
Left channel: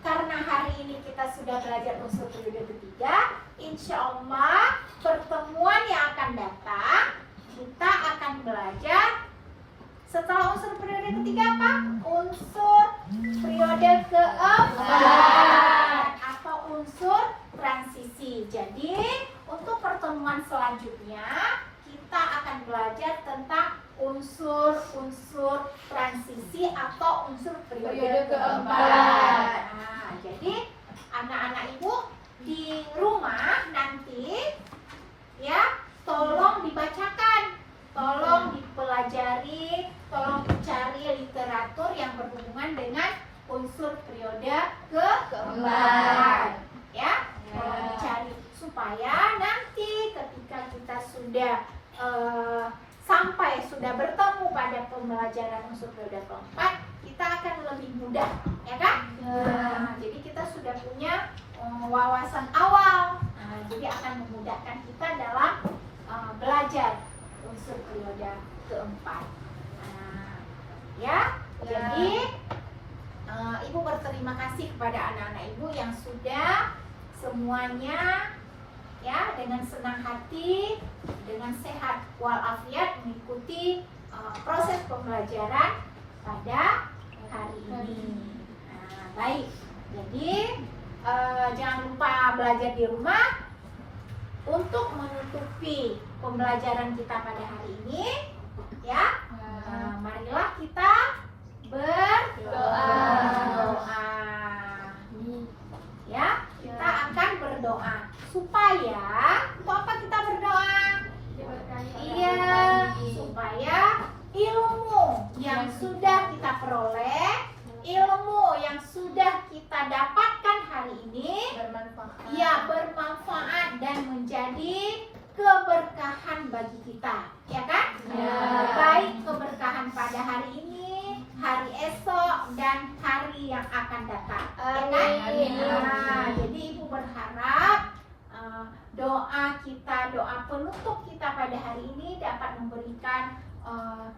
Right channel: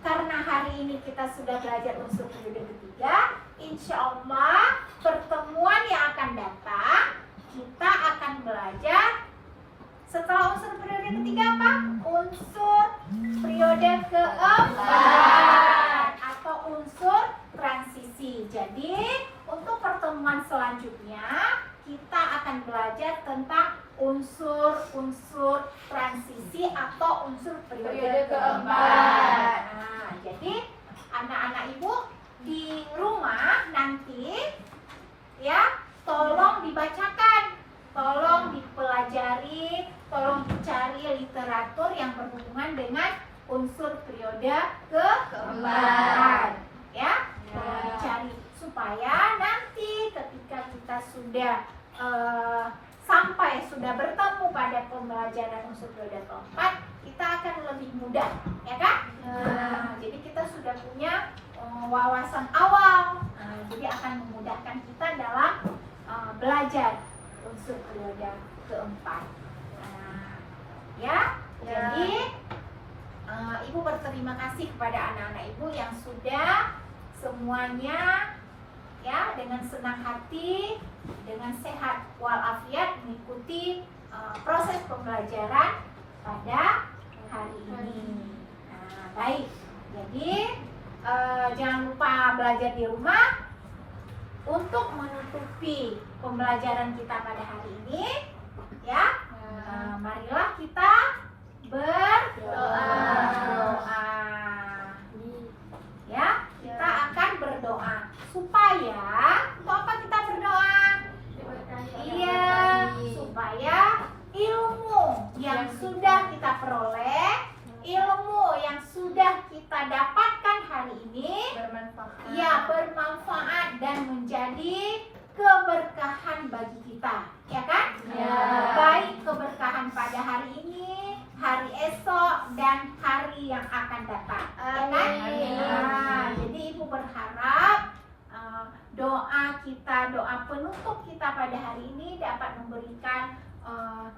karena hari ini kita sudah belajar unsur periode ketiga, insya Allah pertemuan yang akan datang kita akan belajar setelah unsur periode ketiga apa? Unsur periode keempat atau unsur transisi. Jadi untuk pertemuan selanjutnya kita akan belajar tentang unsur-unsur transisi atau unsur periode keempat. Nah, jadi anak-anak ibu di rumah nanti ya tolong dibacakan, tolong dipelajari, tolong dicari literatur yang berhubungan dengan unsur periode keempat, ya. Tolong dicari supaya nanti ketika kita sudah sudah bertemu pada pembelajaran unsur periode keempat, kita akan lebih mudah, ya kan? Jadi kita sudah punya wawasan awal, jadi akan memudahkan kita dalam belajar unsur periode keempat. Jadi ibu berterima kasih kepada anak-anak ibu yang sudah semuanya ya dengan senang hati, dengan sehat walafiat mengikuti proses pembelajaran pada hari ini. Baik, jadi jangan lupa belajar di rumah. Untuk menutupi pembelajaran kita pada hari ini, ya, marilah kita berdoa. Ya, kita akan berdoa supaya untuk apa kita berdoa? Iya, supaya ilmu yang sudah kita peroleh, ilmu yang sudah kita dapatkan hari ini bermanfaat dan menjadi keberkahan bagi kita, ya kan? Baik keberkahan pada hari ini, hari esok, dan hari yang akan akan datang. Ya kan? Amin. Nah, jadi Ibu berharap doa kita, doa penutup kita pada hari ini dapat memberikan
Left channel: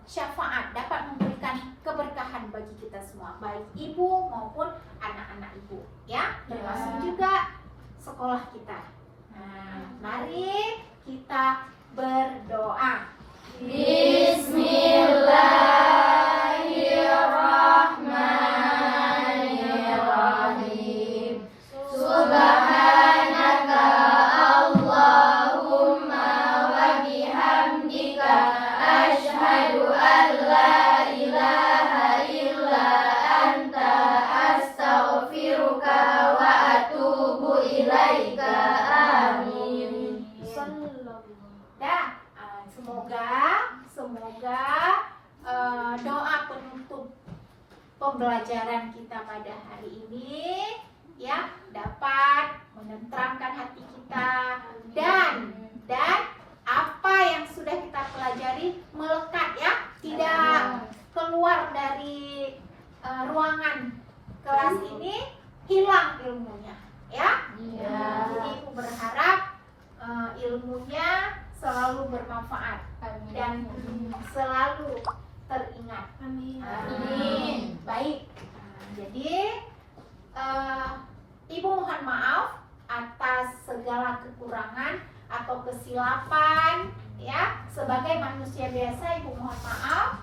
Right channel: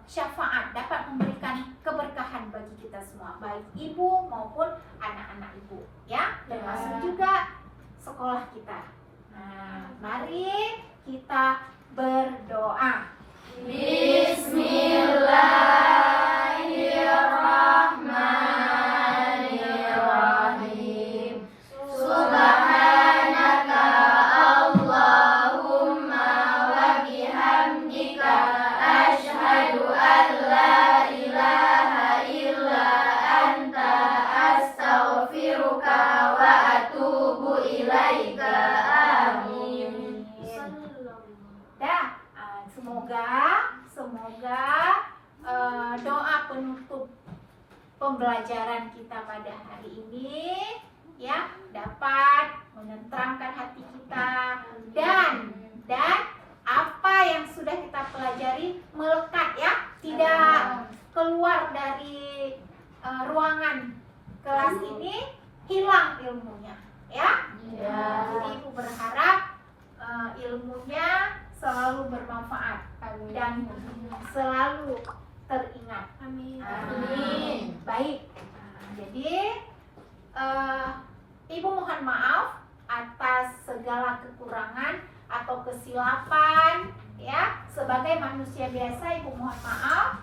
syafaat, dapat memberikan keberkahan bagi kita semua, baik ibu maupun anak-anak ibu, ya, termasuk juga sekolah kita. Nah, mari kita berdoa. Bismillahirrahmanirrahim. Subhanaka Allahumma wa bihamdika asyhadu an la ilaha illa anta astaghfiruka wa atubu ilaika. Amin. Dah, semoga doa penutup pembelajaran kita pada hari ini ya dapat menenteramkan hati kita dan apa yang sudah kita pelajari melekat ya, tidak keluar dari ruangan kelas ini hilang ilmunya ya. Jadi Ibu berharap ilmunya selalu bermanfaat dan selalu teringat. Amin. Baik. Jadi Ibu mohon maaf atas segala kekurangan atau kesilapan ya. Sebagai manusia biasa Ibu mohon maaf.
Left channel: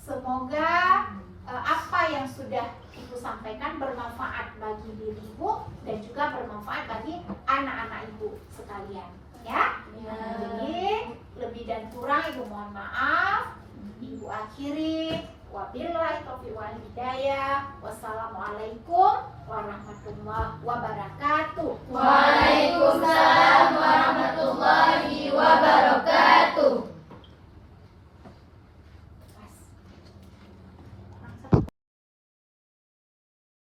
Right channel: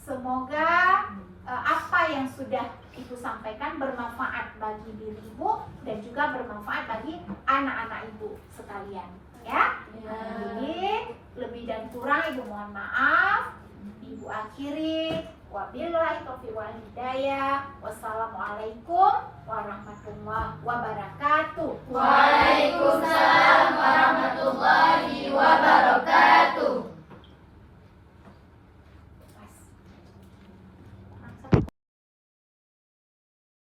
Semoga apa yang sudah Ibu sampaikan bermanfaat bagi diri Ibu dan juga bermanfaat bagi anak-anak Ibu sekalian ya. Jadi lebih dan kurang Ibu mohon maaf. Ibu akhiri, wabillahi taufiq wal hidayah. Wassalamualaikum warahmatullahi wabarakatuh. Waalaikumsalam